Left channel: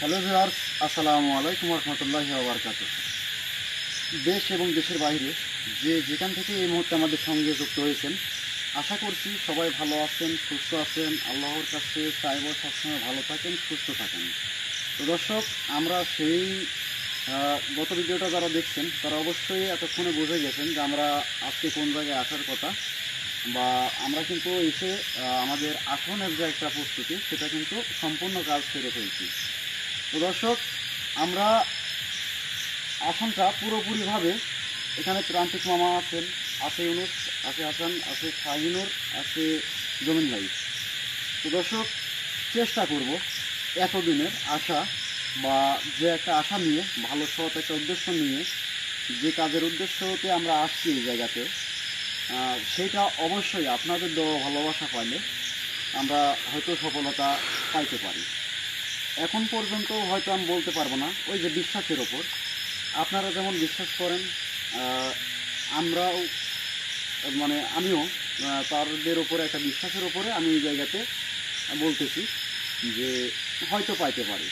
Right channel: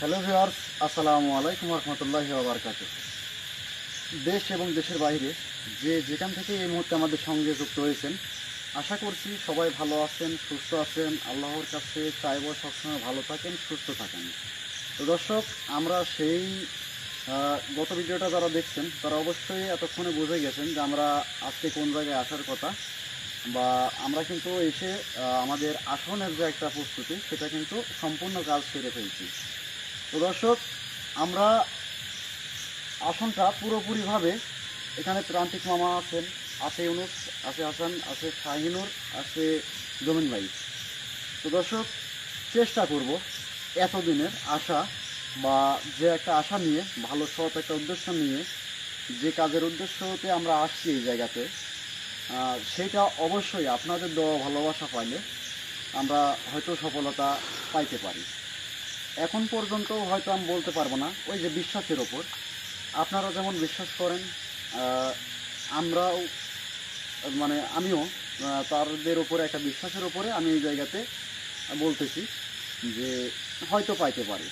Hello viewers, আসসালামু আলাইকুম রহমতুল্লাহি ওয়া বারাকাতুহু। দেশ এবং দেশের বাইরে যে যেখান থেকে এই মুহূর্তে আমাদের সঙ্গে যুক্ত হয়েছেন, আশা করছি সবাই ভালো আছেন, সুস্থ আছেন। আল্লাহর কাছে চাইব সবসময় ভালো থাকেন, সুস্থ থাকেন। তো দর্শক, আমরা সেই গত ভিডিওটা যারা দেখছেন তারা অবশ্যই এতক্ষণে বুঝে গেছেন যে আমরা আজকে কোন জায়গায় আসার কথা, বা আমরা কিন্তু এসে আমাদের আসনের যে একটা প্রস্তুতি সেটা কিন্তু সম্পূর্ণ কাজ সেরে ফেলছি। তো দর্শক, আমরা আসনটা পুরোপুরিভাবে, এখানে প্রান্তিক মামা আছেন, আছে ইউনুস, আছে হাসান, আছে শাহিনুর, আছে জমিন ভাই। তো দর্শক, চেষ্টা করব এতদিনের আশা, বা যে একটা আশা নিয়ে, ভালো সৎ একটা উদ্দেশ্য নিয়ে যে কাজের উদ্দেশ্যতে আমরা আসছি এই জায়গাতে, সেইটা অবশ্যই আপনাদের দেওয়া ভালোবাসা পাইলে আমরা হয়তো সফলতা পাইতে পারি। এখন পর্যন্ত হয়তো আমি বলতে পারবো না, ওই যে বিশ্বাসের ওপর আপনারা যেমন বিশ্বাস করেন, আমরাও, মানে আমিও তাদের ওপরে একটা বিশ্বাসের ওপরে আমি এই জায়গাতে বলতেছি যে হয়তো পাইতে পারি।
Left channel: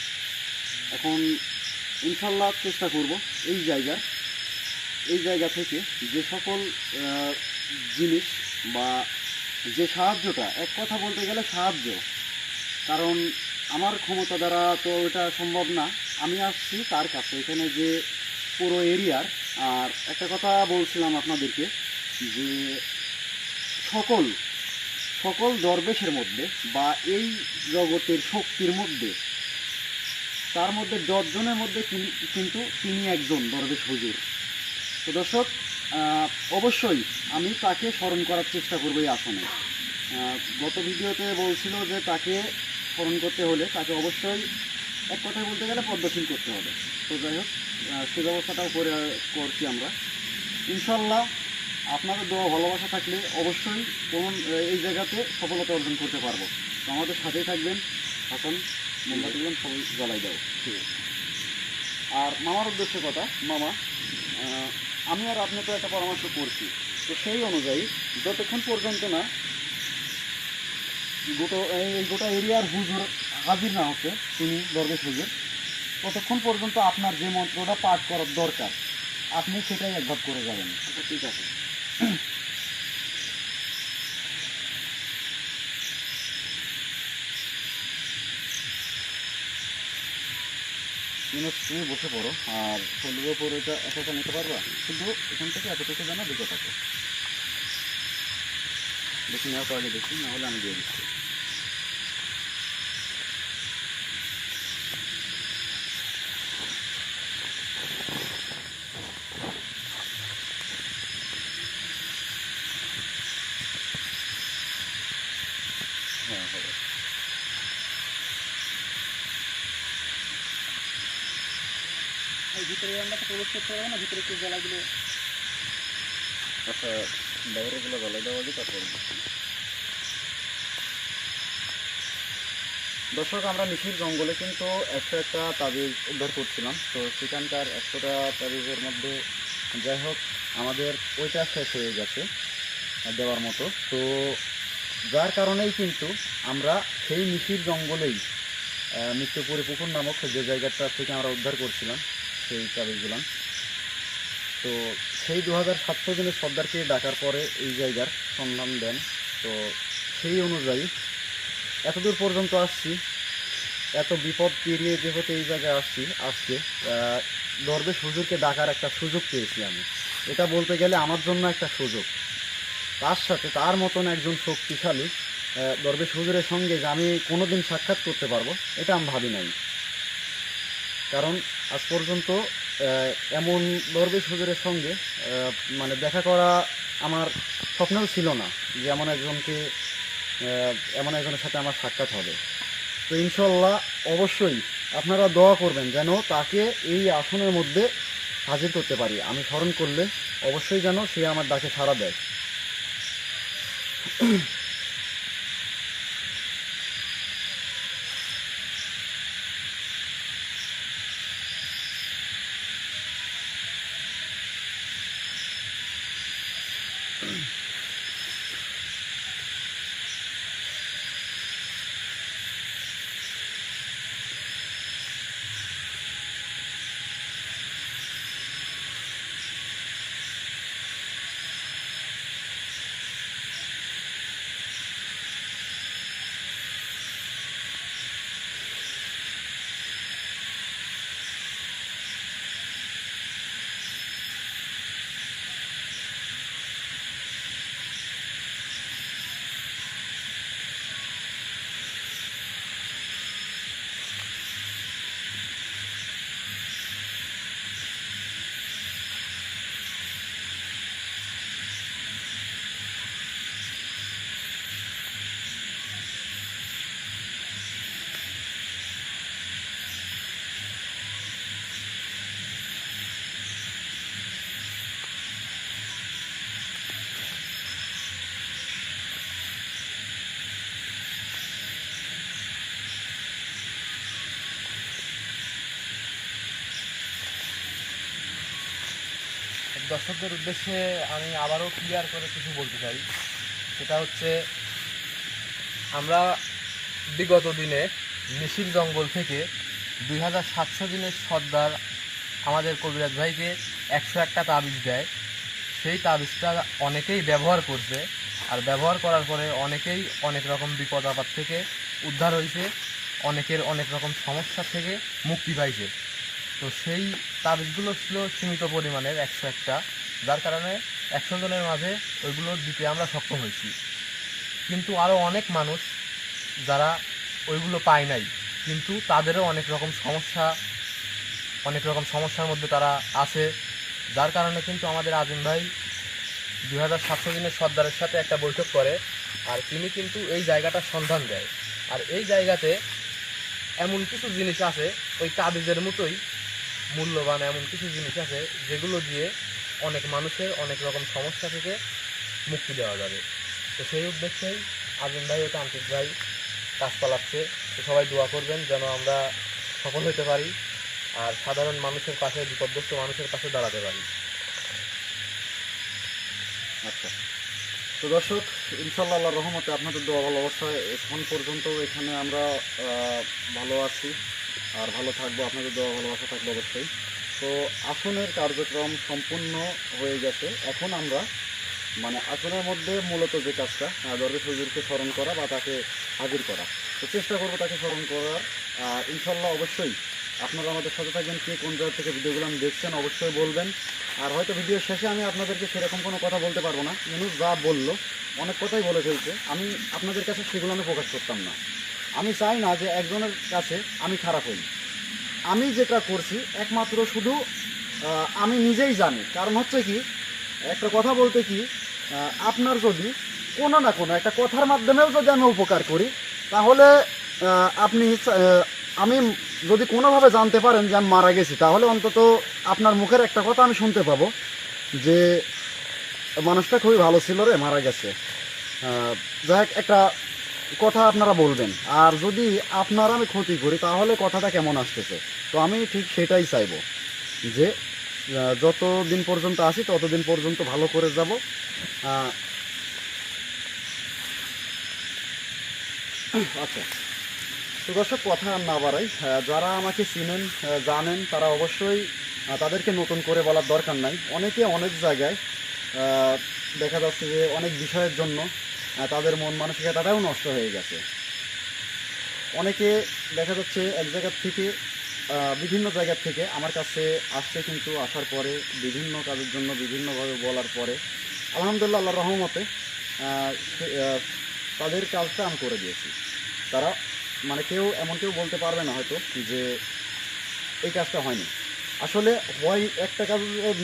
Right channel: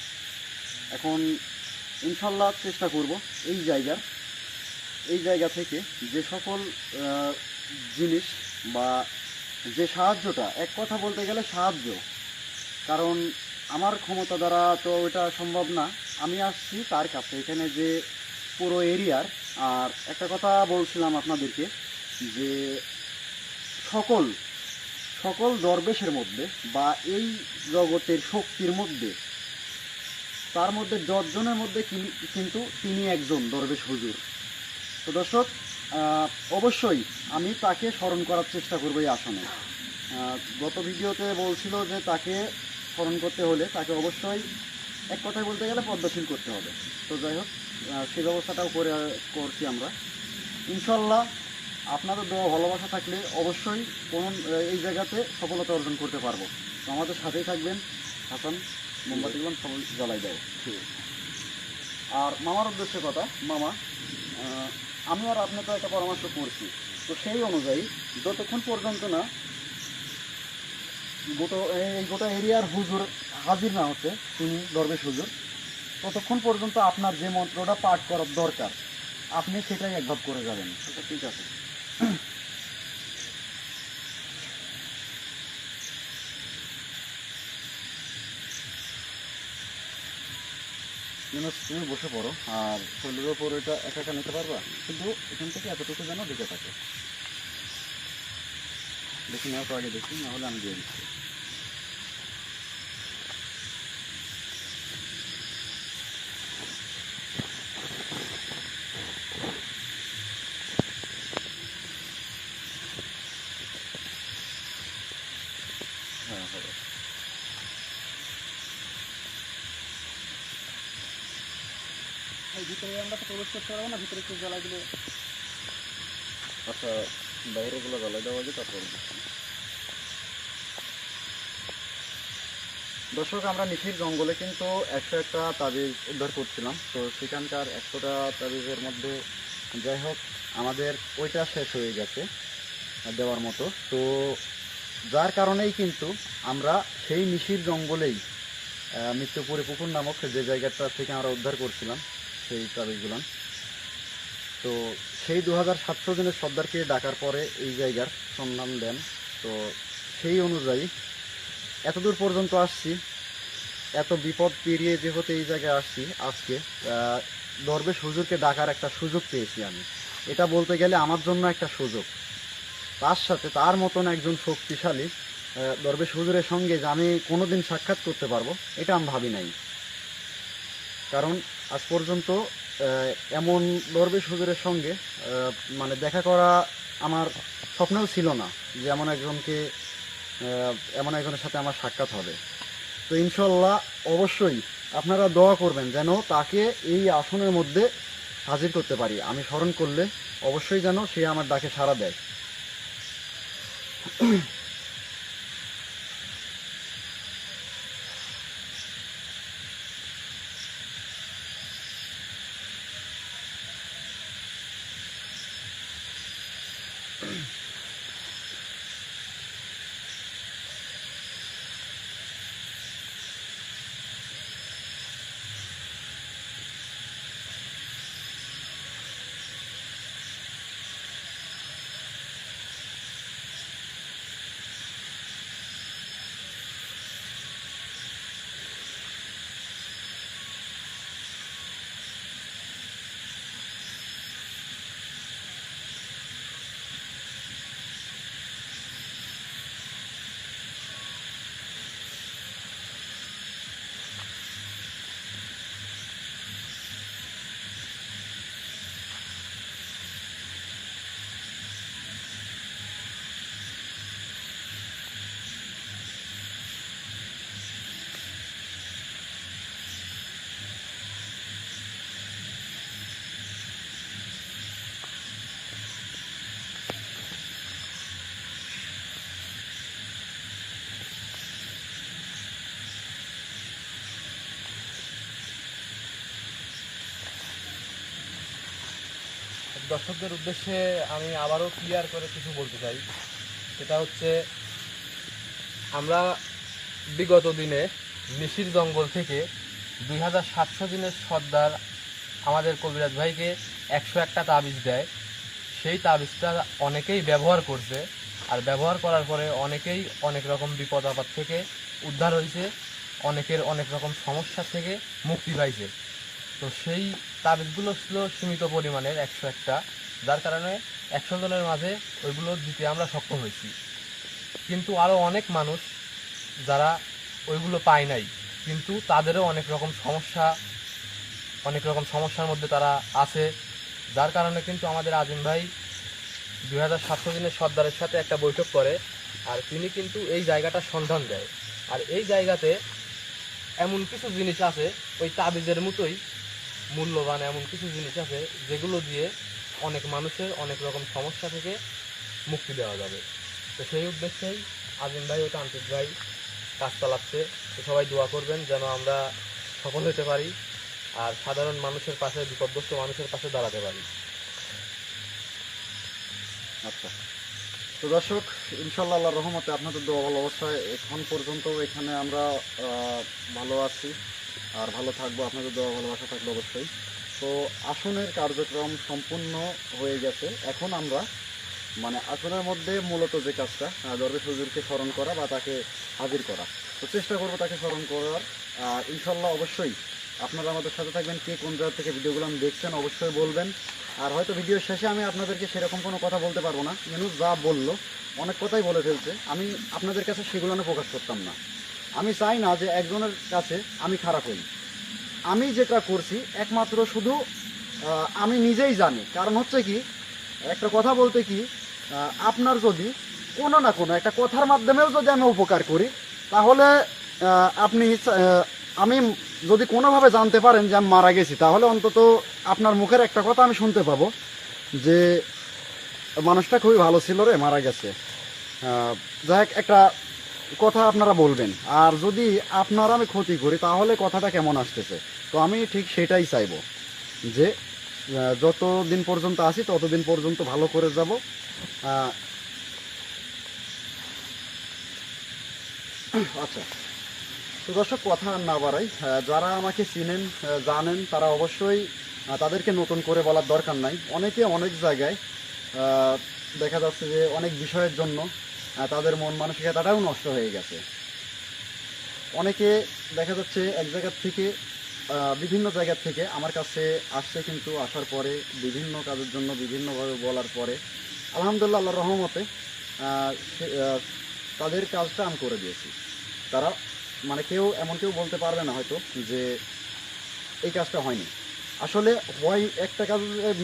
এখন ইনশাল্লাহ চেষ্টা করব এই জায়গা থেকে যে সকল জিনিস, বা যে সাহায্যটা, এক কথা বলতে গেলে সাহায্য, কারণ আমার ক্ষমতা দ্বারা তো ওটা সম্ভব না। আমি আসছি তার কাছে, এখানে যে পুরো এরিয়ার। আর একটা কথা বলছিলাম আপনাদেরকে, যে সকল সকল দরবেশের মধ্যে, বা এই জগতের শক্তির মধ্যে, তার মধ্যে 10 জনের মধ্যে কিন্তু তিনি একজন দরবেশ হুজুর। তো দর্শক, অবশ্যই আমি তাকে স্মরণ করার চেষ্টা করবো এই আসনে। গত ভিডিওতে বলছিল যে তাকে স্মরণ করতে হলে তাকে অবশ্যই, এক কথায় বলতে গেলে, পদ্মশীল করতে হবে। তো যাই হোক, সেই ব্যবস্থাটাও করছি আমরা ইনশাল্লাহ। আপনাদের দোয়া ভালোবাসা থাকলে অবশ্যই কোন এই জায়গাতে সফলতা অর্জন করতে পারবো। তো আমাদের সাথেই থাকবেন। হাসান, মোমবাতিগুলো সবাই জ্বালাই দাও। আর মামার উদ্দেশ্যে কথা, মামা, আমি আর আপনি তো একটা পরামর্শ করছি, তো সেই অনুযায়ী যতক্ষণ পর্যন্ত না গোটা এরিয়ার হুজুর হাজির না হচ্ছে, তিনি দরবেশ হুজুর, ততক্ষণ পর্যন্ত আপনার যে মন্ত্রটা পাঠ করার দরকার আপনি সেটাই একভাব করে যাবেন। আচ্ছা, ঠিক আছে। তুমি বসে পড়ো, আর শরীরের ওপর এটা একা একা নিতে পারবা, শুধু এখান থেকে এতটুকু যেন দিকে থাকে। দেখি নেওয়ার আগে দেখি, না হলে আমি দিয়ে দিচ্ছি। হ্যাঁ, হবে। এই ভিতরে আমরা তো প্রবেশ করতে পারবো না, ভিতরে একটু জ্বালাই দিলে। আচ্ছা, বাইরেগুলো জ্বালাই দেওয়া আগে তারপর। দর্শক, আমরা নিশির জঙ্গলে কিন্তু 101টা তাবিজ উদ্ধার করছিলাম। তো সেখানকার 100টা তাবিজের মধ্যে, যাই হোক, আমাদের ওইটা শেষ হয়ে গেছে দেওয়ার মতো। তো যার কারণেই কিন্তু আমরা সেই নিশির জঙ্গলেই, মৃত্যুপুরী পুকুর নামক যে জায়গাটা থেকে আমরা উদ্ধার করছিলাম সেই তাবিজগুলো, তো সেই 2700 জনের সর্দারকে ডাকার পরে এই জায়গার সন্ধান দেন। তো সেই অনুযায়ী এতদূর পর্যন্ত আসছি, এত বিপদ পেরিয়ে যেহেতু এই জায়গায় আসছি, আজকে দরবেশ হুজুরকে ডাকার একটা সুযোগ পেয়েছি আমি। এটা বলতে গেলে আমার জন্য একটা সুযোগ। তার সাথে তার মতন একজন শক্তিশালী দরবেশ হুজুরের সঙ্গে যে আমি কোনোদিন সাক্ষাৎ করতে পারবো, এটা আমি ভাবি নাই। কারণ আজ পর্যন্ত এমন দরবেশ হুজুরের সঙ্গে মানে দেখা করা আমার স্বপ্নেও ছিল না, যে এমন একজনের সাথে আমার সাক্ষাৎ হবে। তো ইনশাল্লাহ অবশ্যই আপনারা দোয়া করবেন যেন তাকে এই আসনের মধ্যে হাজির করতে পারি। আমি স্মরণ করলে অবশ্যই যেন সে আমার ডাকে সাড়া দেয়। দর্শকদের উদ্দেশ্যে আমি আবারও ক্লিয়ার করে কিছু বলতে চাই। সেটা হচ্ছে, আমরা বিগত দিনে মিশির জঙ্গল থেকে 2700 দিনের সর্দার আমাদের কবিরাজ ভাইকে 101টা তাবিজ দেয়। সেই তাবিজটা অনেকেই ব্যবহার করছে, আর ব্যবহার করার পরে অনেকেই অনেক রকম বিপদ আপদ থেকে উদ্ধার হয়েছে, অনেকের অনেক রকম সমস্যা থেকে মুক্তি পাইছে। তো সেই তাবিজগুলো ছিল সীমিত পরিমাণের 101টা, যার কারণে 100 জনের মাঝে ওইগুলো দিতে আমরা সক্ষম হয়েছি। কিন্তু আরও অনেক মানুষ যারা ওইগুলো পায় নাই, কিন্তু তাদেরও অনেক রকম সমস্যার মধ্যে তারা আছে, যার কারণে কিন্তু আমাদের আজিম ভাই 2700 দিনের সর্দারের সাথে একটা বৈঠক করে, আর তিনি কিন্তু এই জায়গাটার সন্ধান দেয়। আর এই জায়গাতে এমন কিছু জিনিস আছে, ওই তাবিজের মতোই মূল্যবান এমন কিছু জিনিস আছে যেগুলো দিয়ে অনেক মানুষের অনেক রকম সমস্যা থেকে মুক্তি দেওয়া যাবে। তো সেই উদ্দেশ্যেই আজিম ভাই ও তান্ত্রিক ভাই কাজ চালাচ্ছে। তো সবাই দোয়া করবেন যেন আমরা সফল হতে পারি, আর সাধারণ মানুষের পাশে, বিপদগ্রস্ত মানুষের পাশে দাঁড়াতে পারি। আচ্ছা, তো দর্শক, ইনশাল্লাহ আল্লাহর রহমতে আপনাদের দোয়া ভালোবাসায় এখন পর্যন্ত এখানে আমরা ভালো আছি আর ভালো থাকবো। আপনাদের দোয়া ভালোবাসা থাকবে অবশ্যই। তো আসনের কার্যক্রম সম্পূর্ণ হয়ে গেছে। এখন আমরা আসনের মধ্যে মূলত যে কাজটা, দরবেশ হুজুরকে স্মরণ করা বা তাকে হাজির করা, তো চেষ্টা করবো তাকে স্মরণ করার। আর ইনশাল্লাহ অবশ্যই আপনারা আমাদের সাথে থাকবেন। কে কোন জায়গা থেকে ভিডিওগুলো আমি দেখছেন অবশ্যই বলবেন। আর হয়তো ভিডিওর শেষে আমি আপনাদেরকে সেরকম কোনো কথা বলতে পারবো না। মানুষ যা বললো, অনেক কথাই বলে ফেলছে, আমি আপনাদের কাছে সেগুলো আমি প্রকাশ করতাম না। আমি চাই না যে একজনের কাছে আমি খারাপ হই। আমি যেটা করছি একমাত্র শুধু আমি নিজেই জানি। কারণ হচ্ছে কি, একটা কথা বলতে কি, আপনার যদি কোনো না কোনো একটা কথার মাধ্যমেও যদি আমি উপকার করি, তাহলে আমি যদি কোনোভাবে জানতে পারেন যে আমি মারা গেছি, তাহলে অন্তত আপনার মুখের একটা কথা আমি শুনতে পাবো যে মানুষটা খুবই ভালো ছিল রে, মারা গেছে। যাই হোক, একটা কথা আপনারা বলবেন। আর যদি আপনারা আমি ক্ষতি করি, তাহলে কথাটা কেমন আসতেছে। তো আমি ঠিক সেটাই চাইবো যে যতদিন পর্যন্ত আসি ততদিন পর্যন্ত ভালো করে যাব। আচ্ছা, তো দর্শক, কথা আর না বাড়াই। যারা আমাকে চিনেন, জানেন, তারা অবশ্যই, তাদেরকে নতুন করে বলার দরকার নাই। অনেকে অনেক জায়গায় দেখা যাচ্ছে যে অনেক বিষয়ের জন্য তাদের মন মানসিকতাটাও নষ্ট হয়ে গেছে। অনেকে দেখা যাচ্ছে এক জায়গার থেকে, বিভিন্ন জায়গা থেকে আমার কাছে আসছে, কিন্তু আসার পরে বিভিন্ন কাজের জন্য বিভিন্নভাবে বলার পরে আলহামদুলিল্লাহ আল্লাহর রহমতে তাদের কাজটা আমি করে দিয়েছি। তারা কেউ কেউ বলতে পারবে না হয়তো যে এই কাজটা হয়নি। আসলে হয় একটা কাজ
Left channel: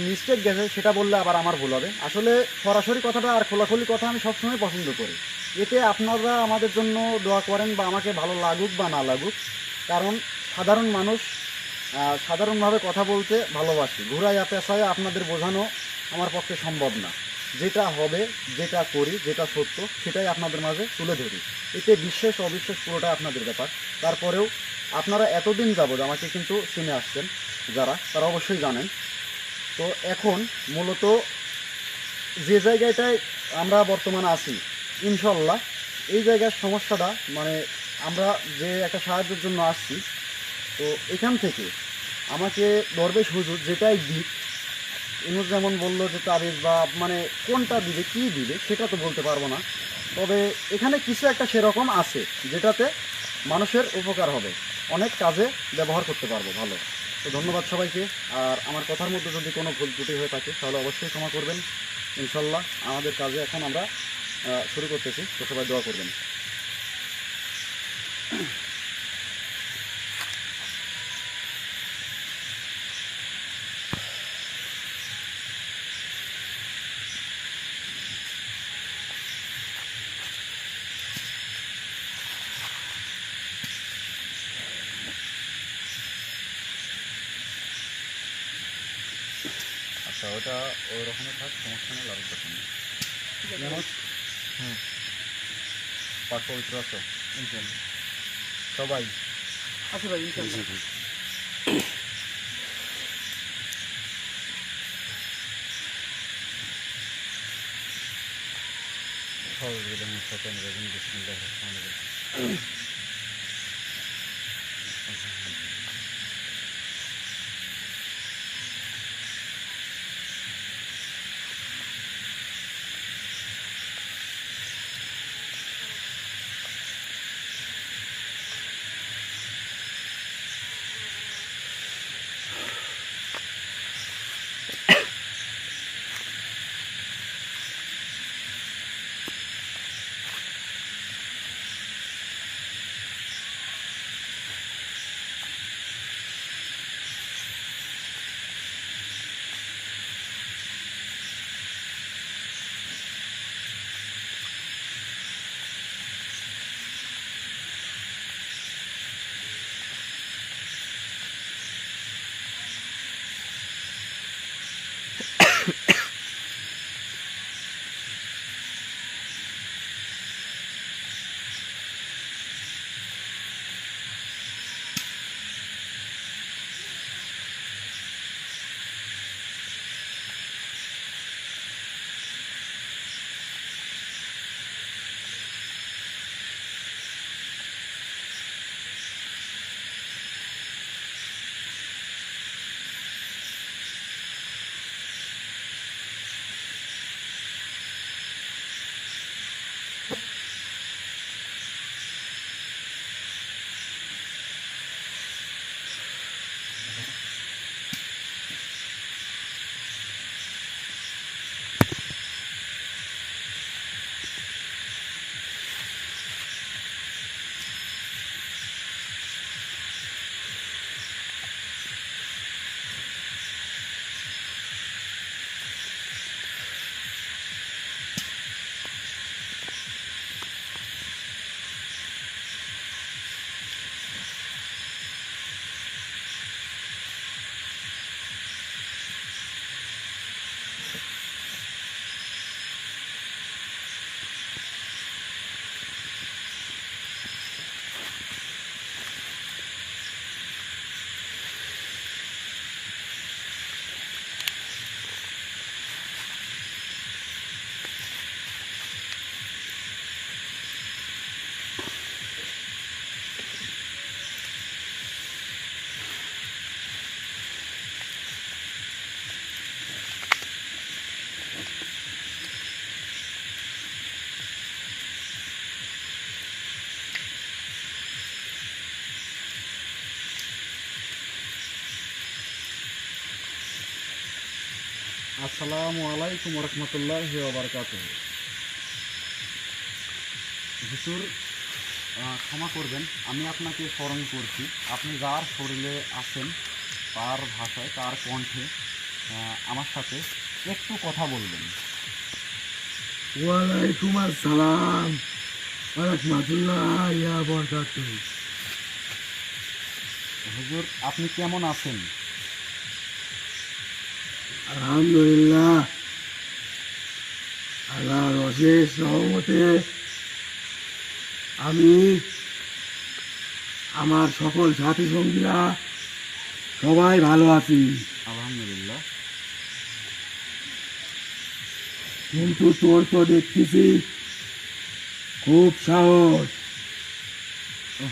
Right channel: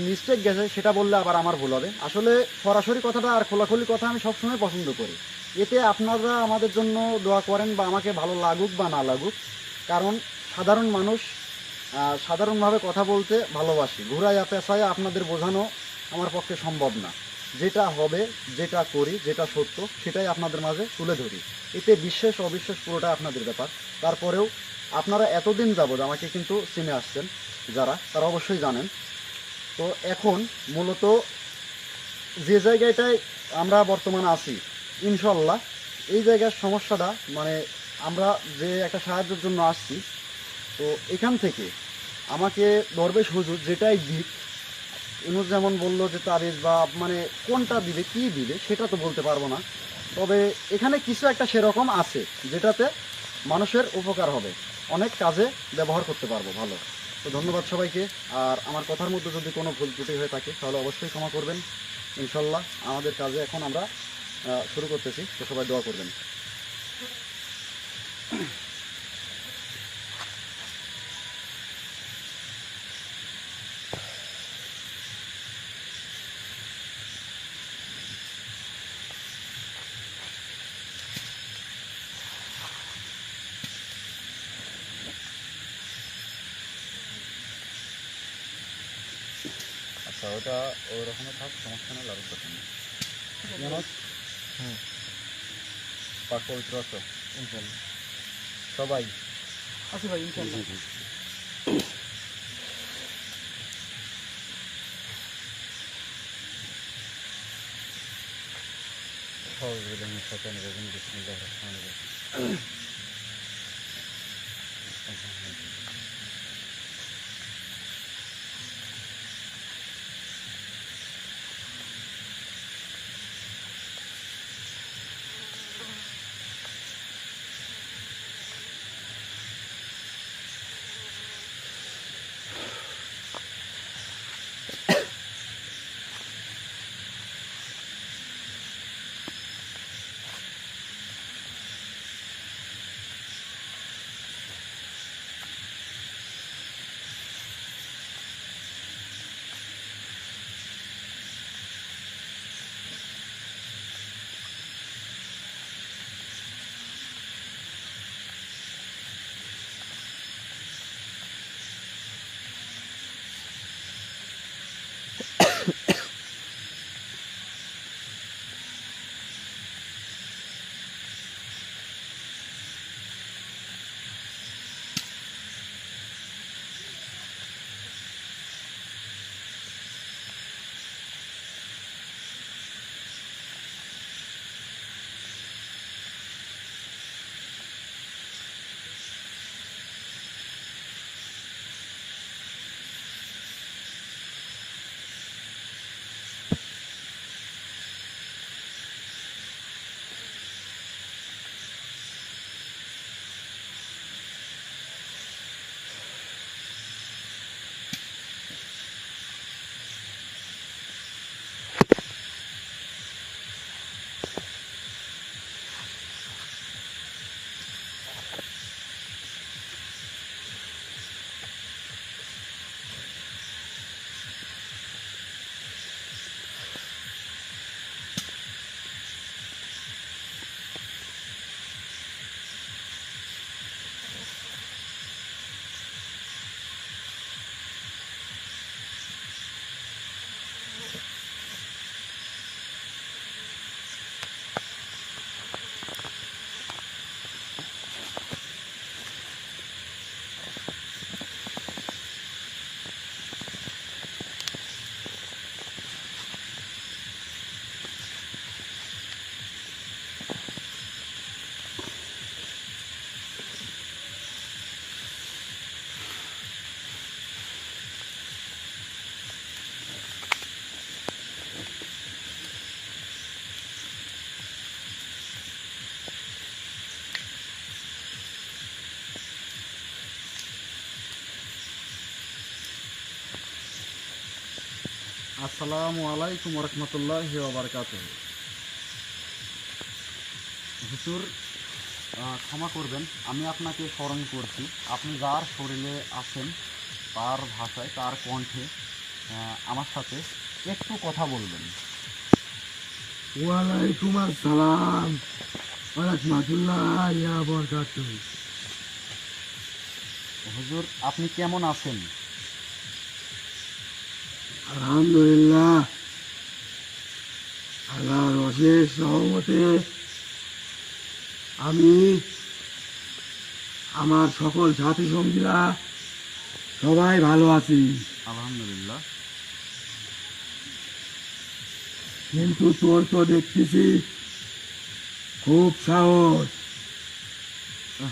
মিস্টেক গেছে, সেটা বললে আবার আমার ভুল হবে। আসলে সরাসরি কথাটা আর খোলাখুলি কথা আমি সবসময় পছন্দ করি। এতে আপনারা আমাদের জন্য দোয়া করেন, বা আমাকে ভালো লাগুক বা না লাগুক, কারণ সাধারণ মানুষ সাধারণভাবে কথা বলতে ভালোবাসি। ঘুরাইয়া পেঁচাইয়া আপনাদের বোঝানো আমার পক্ষে সম্ভব না। যেটা হবে, যেটা করি, যেটা সত্য, সেটাই আপনাদের মাঝে তুলে ধরি। এতে বিশ্বাস অবিশ্বাস পুরোটাই আপনাদের ব্যাপার। তারপরেও আপনারা এতদিন যাবৎ আমাকে কিন্তু চিনে আসছেন, যারা, তারা অবশ্যই জানেন। তো এখন মূলত যে জায়গাটায় আমরা বর্তমানে আছি, ইনশাল্লাহ এই জায়গার সমস্যাটা, আমরা যে একটা সাহায্যের জন্য আসছি, তো এখান থেকে আমাকে দরবেশ হুজুর যেটাই দিক, ইনুস যেমন বললো যে তাবিজ বা কোনটা দিবে, কী দিবে, সেটা তো বলতে পারবো না। তবে এখানে কিছু একটা সেরকম আছে যেটাতে মানুষের উপকার হবে, অনেক কাজে ব্যবহার করতে পারবো ভালো। তো ধন্যবাদ সবাইকে। আর আমার কথার মধ্যে যদি কোনো ভুল ত্রুটি হয়ে থাকে তাহলে অবশ্যই ক্ষমা করবেন। ইনশাল্লাহ আমাদের কাজে এখন আমরা শুরু করতেছি, তো সবাই দোয়া করবেন। আচ্ছা, ওটা ওই রকমের থাক, সমস্যা নেই, লাড়ুর দরকার নেই। জানো পাক পবিত্র আছো ইনশাল্লাহ সবাই? আচ্ছা ভাই, ইনশাল্লাহ। আসসালামু আলাইকুম রহমতুল্লাহি ওয়া বারাকাতুহু। হুজুর, ক্ষমা করবেন, আমি আপনাকে স্মরণ করছি। আপনি যার শরীরে আছেন তার ভাষায়, তার কণ্ঠে আমার সাথে একটু কথা বলবেন। ওয়ালাইকুম আসসালাম রাহমাতুল্লাহি ওয়া বারাকাতুহু। হুজুর, আপনি কেমন আছেন? আলহামদুলিল্লাহ, আল্লাহর অশেষ রহমতে আমি, আমার সকল সাথী সঙ্গীরা সবাই ভালো আছি। আলহামদুলিল্লাহ। কিন্তু তোর তো দেখতেছি খুব সাহস।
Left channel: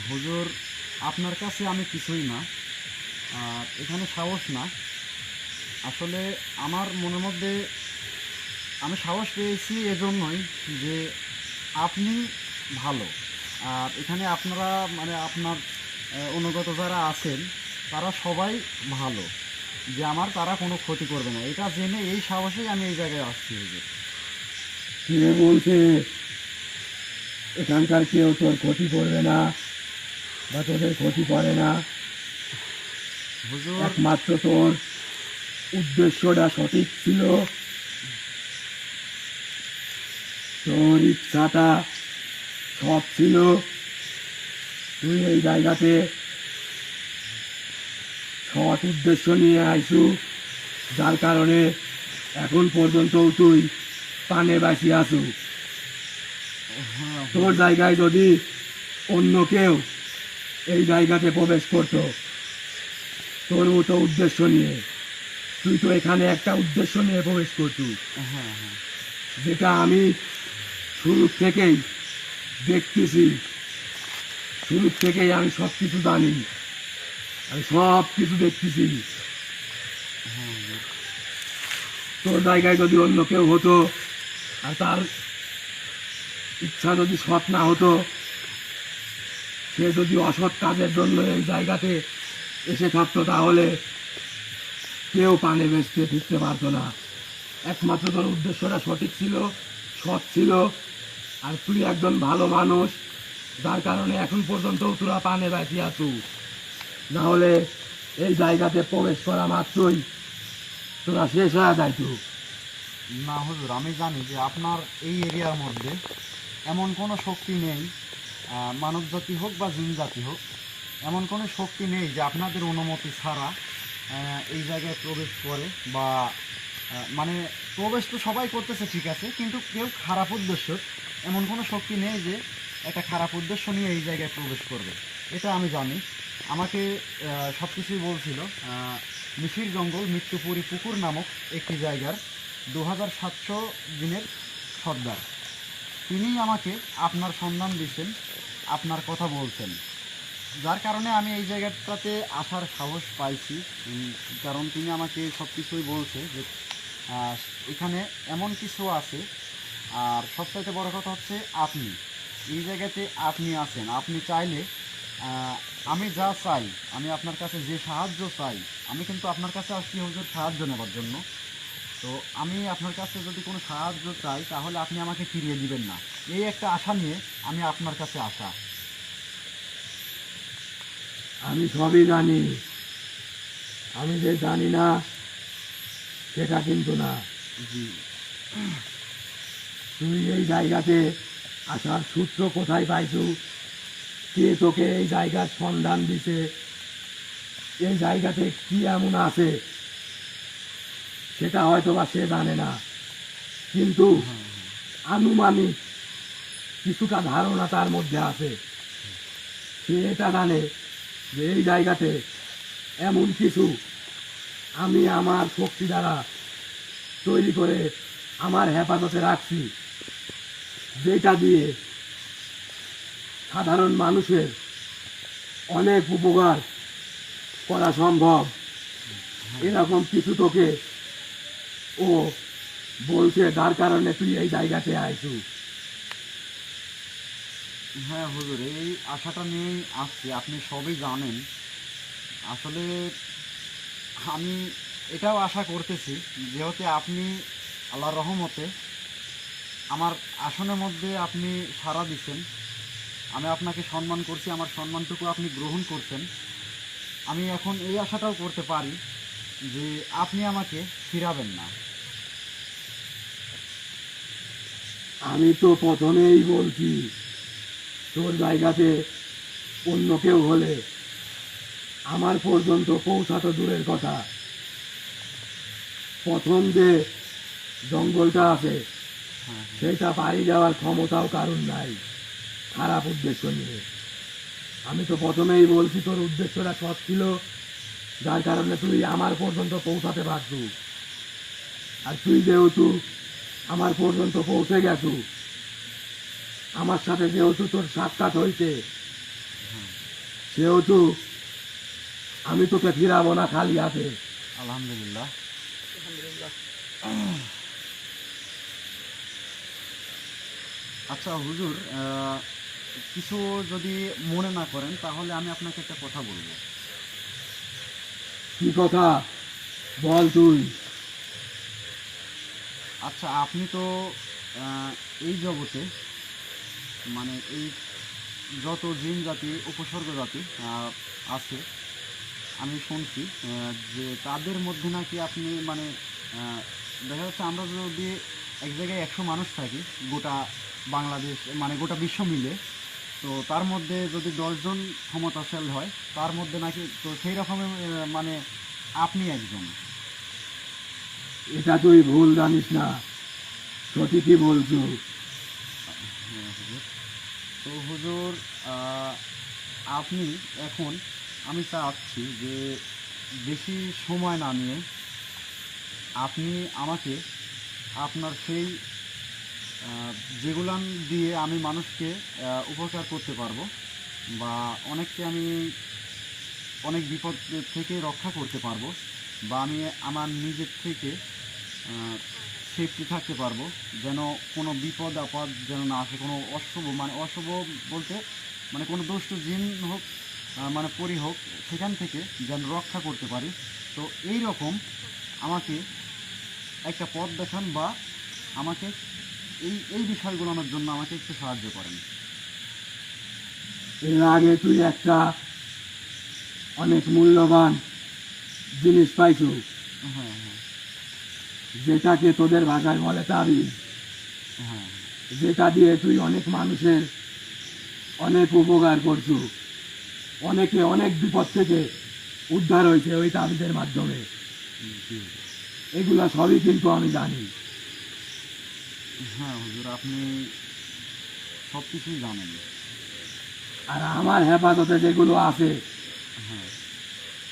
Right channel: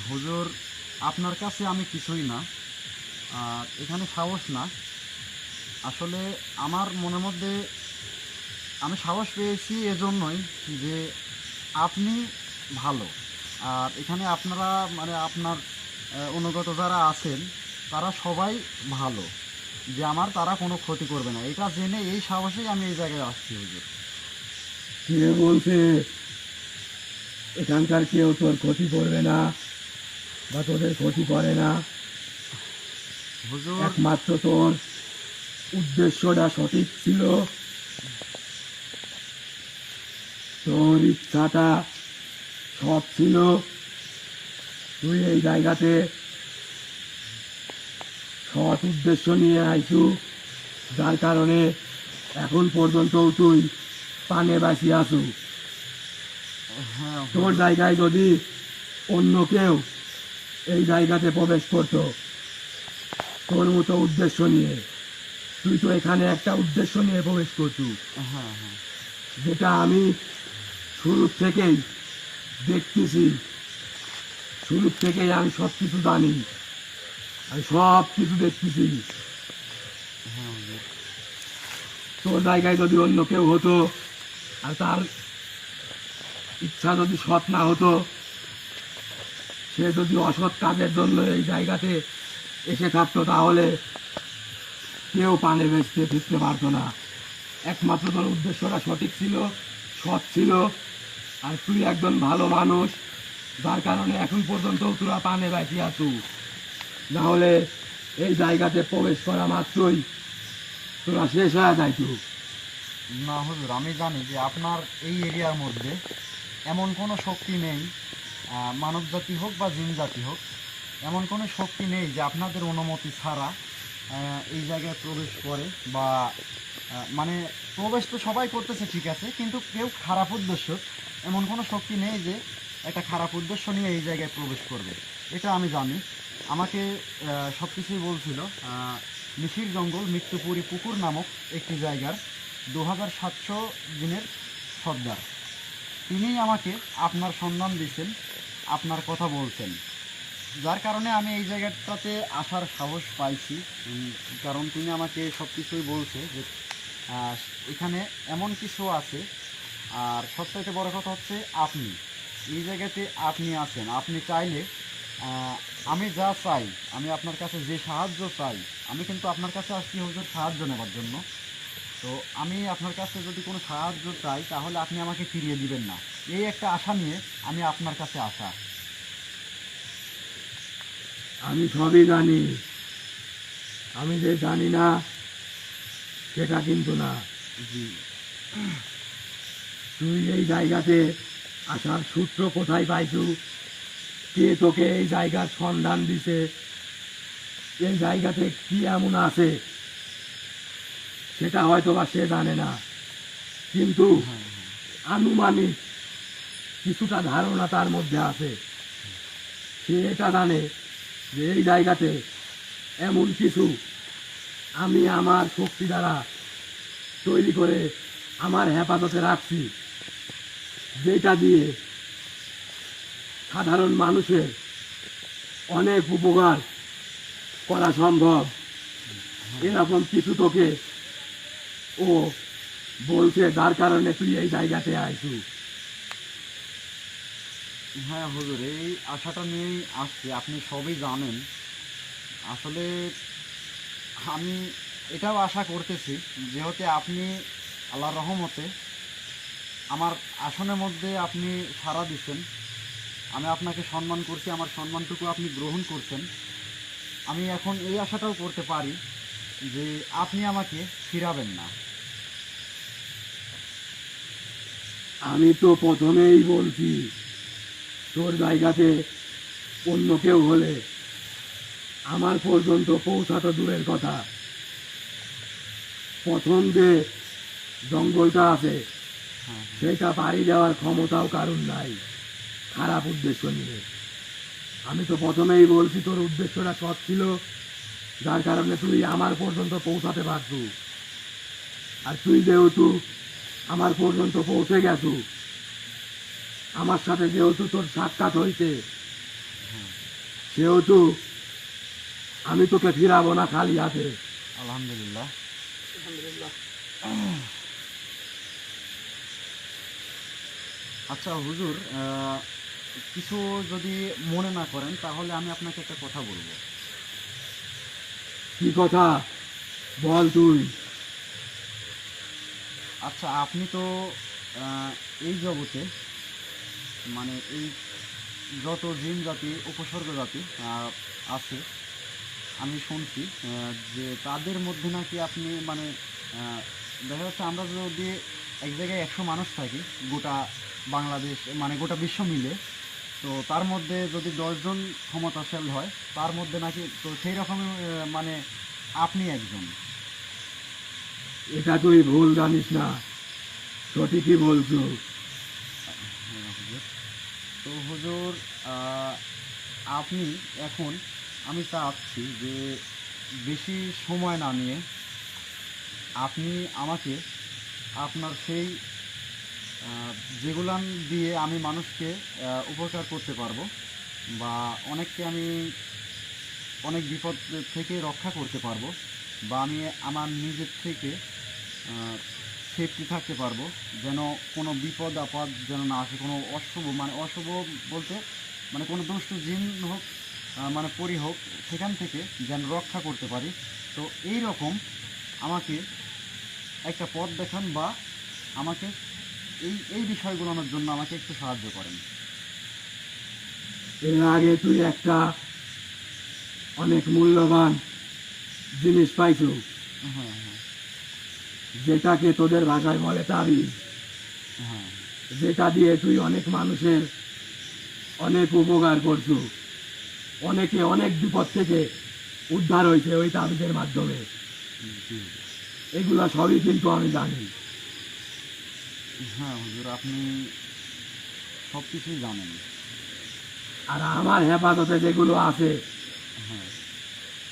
হুজুর, আপনার কাছে আমি কিছুই না, এখানে সাহস না। আসলে আমার মনের মধ্যে আমি সাহস পেয়েছি এজন্যই যে আপনি ভালো, আর এখানে আপনারা মানে আপনার অনুগত যারা আছেন তারা সবাই ভালো, যে আমার তারা কোনো ক্ষতি করবে না, এটা জেনে এই সাহসেই আমি এই জায়গায় আসছি। হুজুর, কে বলছে এখানকার কেউ তোর ক্ষতি করবে না বা তোদের ক্ষতি করে না? হুজুর, একমাত্র তোর উদ্দেশ্যটা সঠিক ছিল, তোর ইচ্ছাটা সব ছিল। তুই এই জায়গাতে সৎ উদ্দেশ্য নিয়ে আইসু, যার কারণে এখন পর্যন্ত তুই পানে বাসি আসু। হ্যাঁ তোর জায়গায় যদি অন্য কেউ এই জায়গাতে প্রবেশ করতো তোর মতো উদ্দেশ্য নিয়ে, তুই তো এখানে একটা উদ্দেশ্য নিয়ে প্রবেশ করতু, হ্যাঁ হ্যাঁ যেটা আমি শুরু থেকেই দেখতেছি, শুরু থেকেই আমি সব কিছু জানি, আমি সব কিছু দেখতেছি। হ্যাঁ হুজুর। তোর জায়গায় যদি অন্য কেউ হতো আর তার ইচ্ছা যদি সৎ না হতো, সে যদি অসৎ কাজের জন্য এই জায়গাতে এসে থাকতো, তাহলে কেউ পানে বেচতে ফিরতে পারতো না। একমাত্র তোর উদ্দেশ্যটা সঠিক ছিল, সৎ ছিল, আর তুই একজন ভালো মানুষ, যার কারণে এখন পর্যন্ত তোরা পানে বাঁচি আছো। না হলে এই জায়গাতে প্রবেশ করা মাত্রই তোরা শেষ হয়ে যাইতো। না হুজুর, আমি জানি যে আপনার এই এরিয়ার মধ্যে এমন কোনো শক্তি নেই, মানব জাতি হোক বা জিন জাতি হোক, এমন কোনো শক্তি নেই যে আপনাদের অনুমতি ছাড়া এই জায়গায় প্রবেশ করে বা মানে প্রবেশ তো সবাই করতেছে ঠিক আছে, কিন্তু কেউ খারাপ উদ্দেশ্য, এমন কোনো শক্তি নেই যে একটা খারাপ উদ্দেশ্য নিয়ে এই জায়গায় প্রবেশ করবে। এটা আমি জানি। আমাকে সব কিছুই বলছিল নিশির জঙ্গল মৃত্যুপুরী পুকুর নামক একটি জায়গার 2700 দিনের সর্দার, তিনিই আমাকে আপনার সন্ধান দিচ্ছেন, আপনার কথা বলছেন, যার কারণে আমি এই জায়গাটাতে আসার সাহস পাইছি। কারণ তিনি আমাকে সব কিছুই বলছে যে আহ, এখানে এমন কিছু আছে। আর সবচাইতে বড় কথা হচ্ছে আপনি এই জায়গাতে আপনি আছেন, আপনি চাইলে আহ, আমি যা চাই, আমি আপনার কাছে যে সাহায্য চাই, আমি কিন্তু আপনার কাছে আসছি হুজুর সাহায্য নেবার জন্য। তো আমি আপনার কাছে যদি কোনো সাহায্য চাই তাহলে আপনি আমাকে ফিরিয়ে দিবেন না, এই একটা আশা নিয়ে আমি আপনার কাছে আসা। আমি সবই জানি, আমি যে জানি না সেটা কিন্তু না। জি। তুই এই জায়গাতে আসার সূত্র কোথায় পাইছু? কে তোকে এই জায়গার সন্ধান দিছে? এই জায়গাতে কি এমন আছে সেটা হয়তো বা সে জানে না, কিন্তু আনুমানিক কিছুটা ধারণা তার মধ্যে আছে। সে এটা জানে যে এই জায়গাতে এমন কিছু আমি আমার শক্তি দ্বারা তৈরি করে আমার হেফাজতে রাখছি, যেটা দিয়ে সাধারণ মানুষের অনেক উপকার করা সম্ভব। এরকম কিছু তোকে ও বলছে, যার কারণে তুই এই জায়গাতে আইছু। হ্যাঁ হুজুর, এই আশাটা নিয়েই আসছি, আপনি সবই জানেন। আসলে আমি এটাও আশা করতেছি যেহেতু আপনি আল্লাহর রহমতে আমার আসনের মধ্যে আপনি সাড়া দিচ্ছেন, আমি আপনাকে সম্মান করছি, আমার সম্মানটুকু আপনি গ্রহণ করছেন। আমি এখন এই আশাটাও করতে পারি যে আপনি আমাকে ফিরাবেন না। আমি তো প্রথমেই বলছি, তোর জায়গাতে অন্য কেউ হলে আমার পর্যন্ত পৌঁছাতো দূরের কথা, প্রথম যে জঙ্গলটা আছে হ্যাঁ সেটা পাড়ি দেওয়ার ক্ষমতাও কারণ নাই খারাপ উদ্দেশ্য নিয়ে। আমি তো প্রথমেই বলছি তোর উদ্দেশ্যটা সৎ ছিল, যার কারণে তুই আমার পর্যন্ত পৌঁছাতে পারছু। আর তুই যেহেতু আমার পর্যন্ত পৌঁছে গেছু, আমার সাথে যেহেতু তোর সাক্ষাৎ হয়েছে, সেহেতু আমি তোকে ফিরাবো না খালি হাতে। আলহামদুলিল্লাহ। আচ্ছা হুজুর, কিছু যদি মনে না করেন তাহলে আমি আপনাকে একটা কথা বলবো। কি কথা বল তুই? আচ্ছা, আপনি তো এই জগতে মানে এই যত জিন জাতি উপসর্গ জাতি আছে, আমি শুনছি যে তাদের মধ্যে নাকি আপনি মানে দেখা যাচ্ছে আমরা যদি এক জায়গায় 100 মানুষ থাকি গোটা বাংলাদেশ মানে গোটা বিশ্ব মিলে, তো তার মধ্যে যদি 10 জন ক্ষমতাশালী হয় তার মধ্যে নাকি, তো সেই রকমের মানে আপনি একজন। এটা তুই ভুল জানিস না, সঠিকই বলছো। হ্যাঁ হুজুর। তো হুজুর, আপনি এখন, আমি চাচ্ছি যে বেশি সময় না নিয়ে আপনি আমাকে আপনার সেই যেগুলান দিয়ে আমি মানুষকে উপকার করতে পারবো বা অনেককে আমি অনেক বিপদ থেকে রক্ষা করতে পারবো বা আমি আমার নিজের থেকে সেফটি থাকতে পারবো, যেন কোনো বিপদ আপদ যেন না আসে, কোনো অশুভ মানে অশুভ বলতে মানে কোনো দুষ্ট জিন হোক মানে পরি হোক, সেখান থেকে যেন রক্ষা করতে পারি। তো এই রকম আমাকে একটা পথ দেখান বা আমাকে এই এই বিষয়গুলোর জন্য আমাকে একটু সাহায্য করেন। এর আগে তুই একটা অনেক মূল্যবান জিনিস পাইছো, হ্যাঁ হ্যাঁ যেটাকে তোদের ভাষায় বলে তাবিজ, হ্যাঁ যেটা দিয়ে তুই অনেক মানুষের অনেক উপকার করছো, অনেকে অনেক বিপদ থেকে উদ্ধার হয়েছে ওই তাবিজের মাধ্যমে। জি এগুলা সবই কিন্তু আমি জানি। হ্যাঁ হুজুর, আপনি সব কিছুই জানেন। আর আমার হেফাজতে যেগুলো আছে হ্যাঁ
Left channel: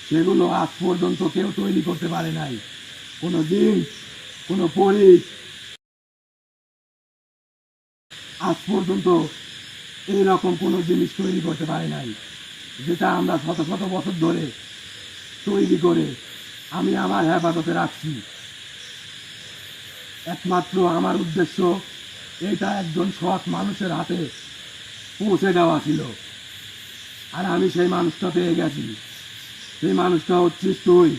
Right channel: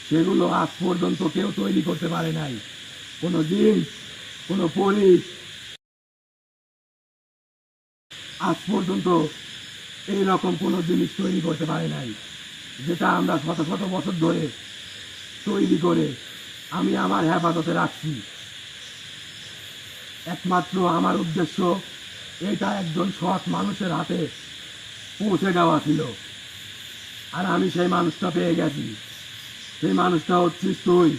সেগুলো আজ পর্যন্ত কেউ তৈরি করতে পারে নাই। কোনো জিন, কোনো পরি আজ পর্যন্ত এইরকম কোনো জিনিস তৈরি করতে পারে নাই, যেটা আমরা শত শত বছর ধরে তৈরি করে আমি আমার হেফাজতে রাখছি। একমাত্র আমার উদ্দেশ্য এটা একজন সৎ মানুষের হাতে পৌঁছে দেওয়া ছিল, আর আমি সেই মানুষটা পেয়ে গেছি। সেই মানুষটা হচ্ছিস তুই।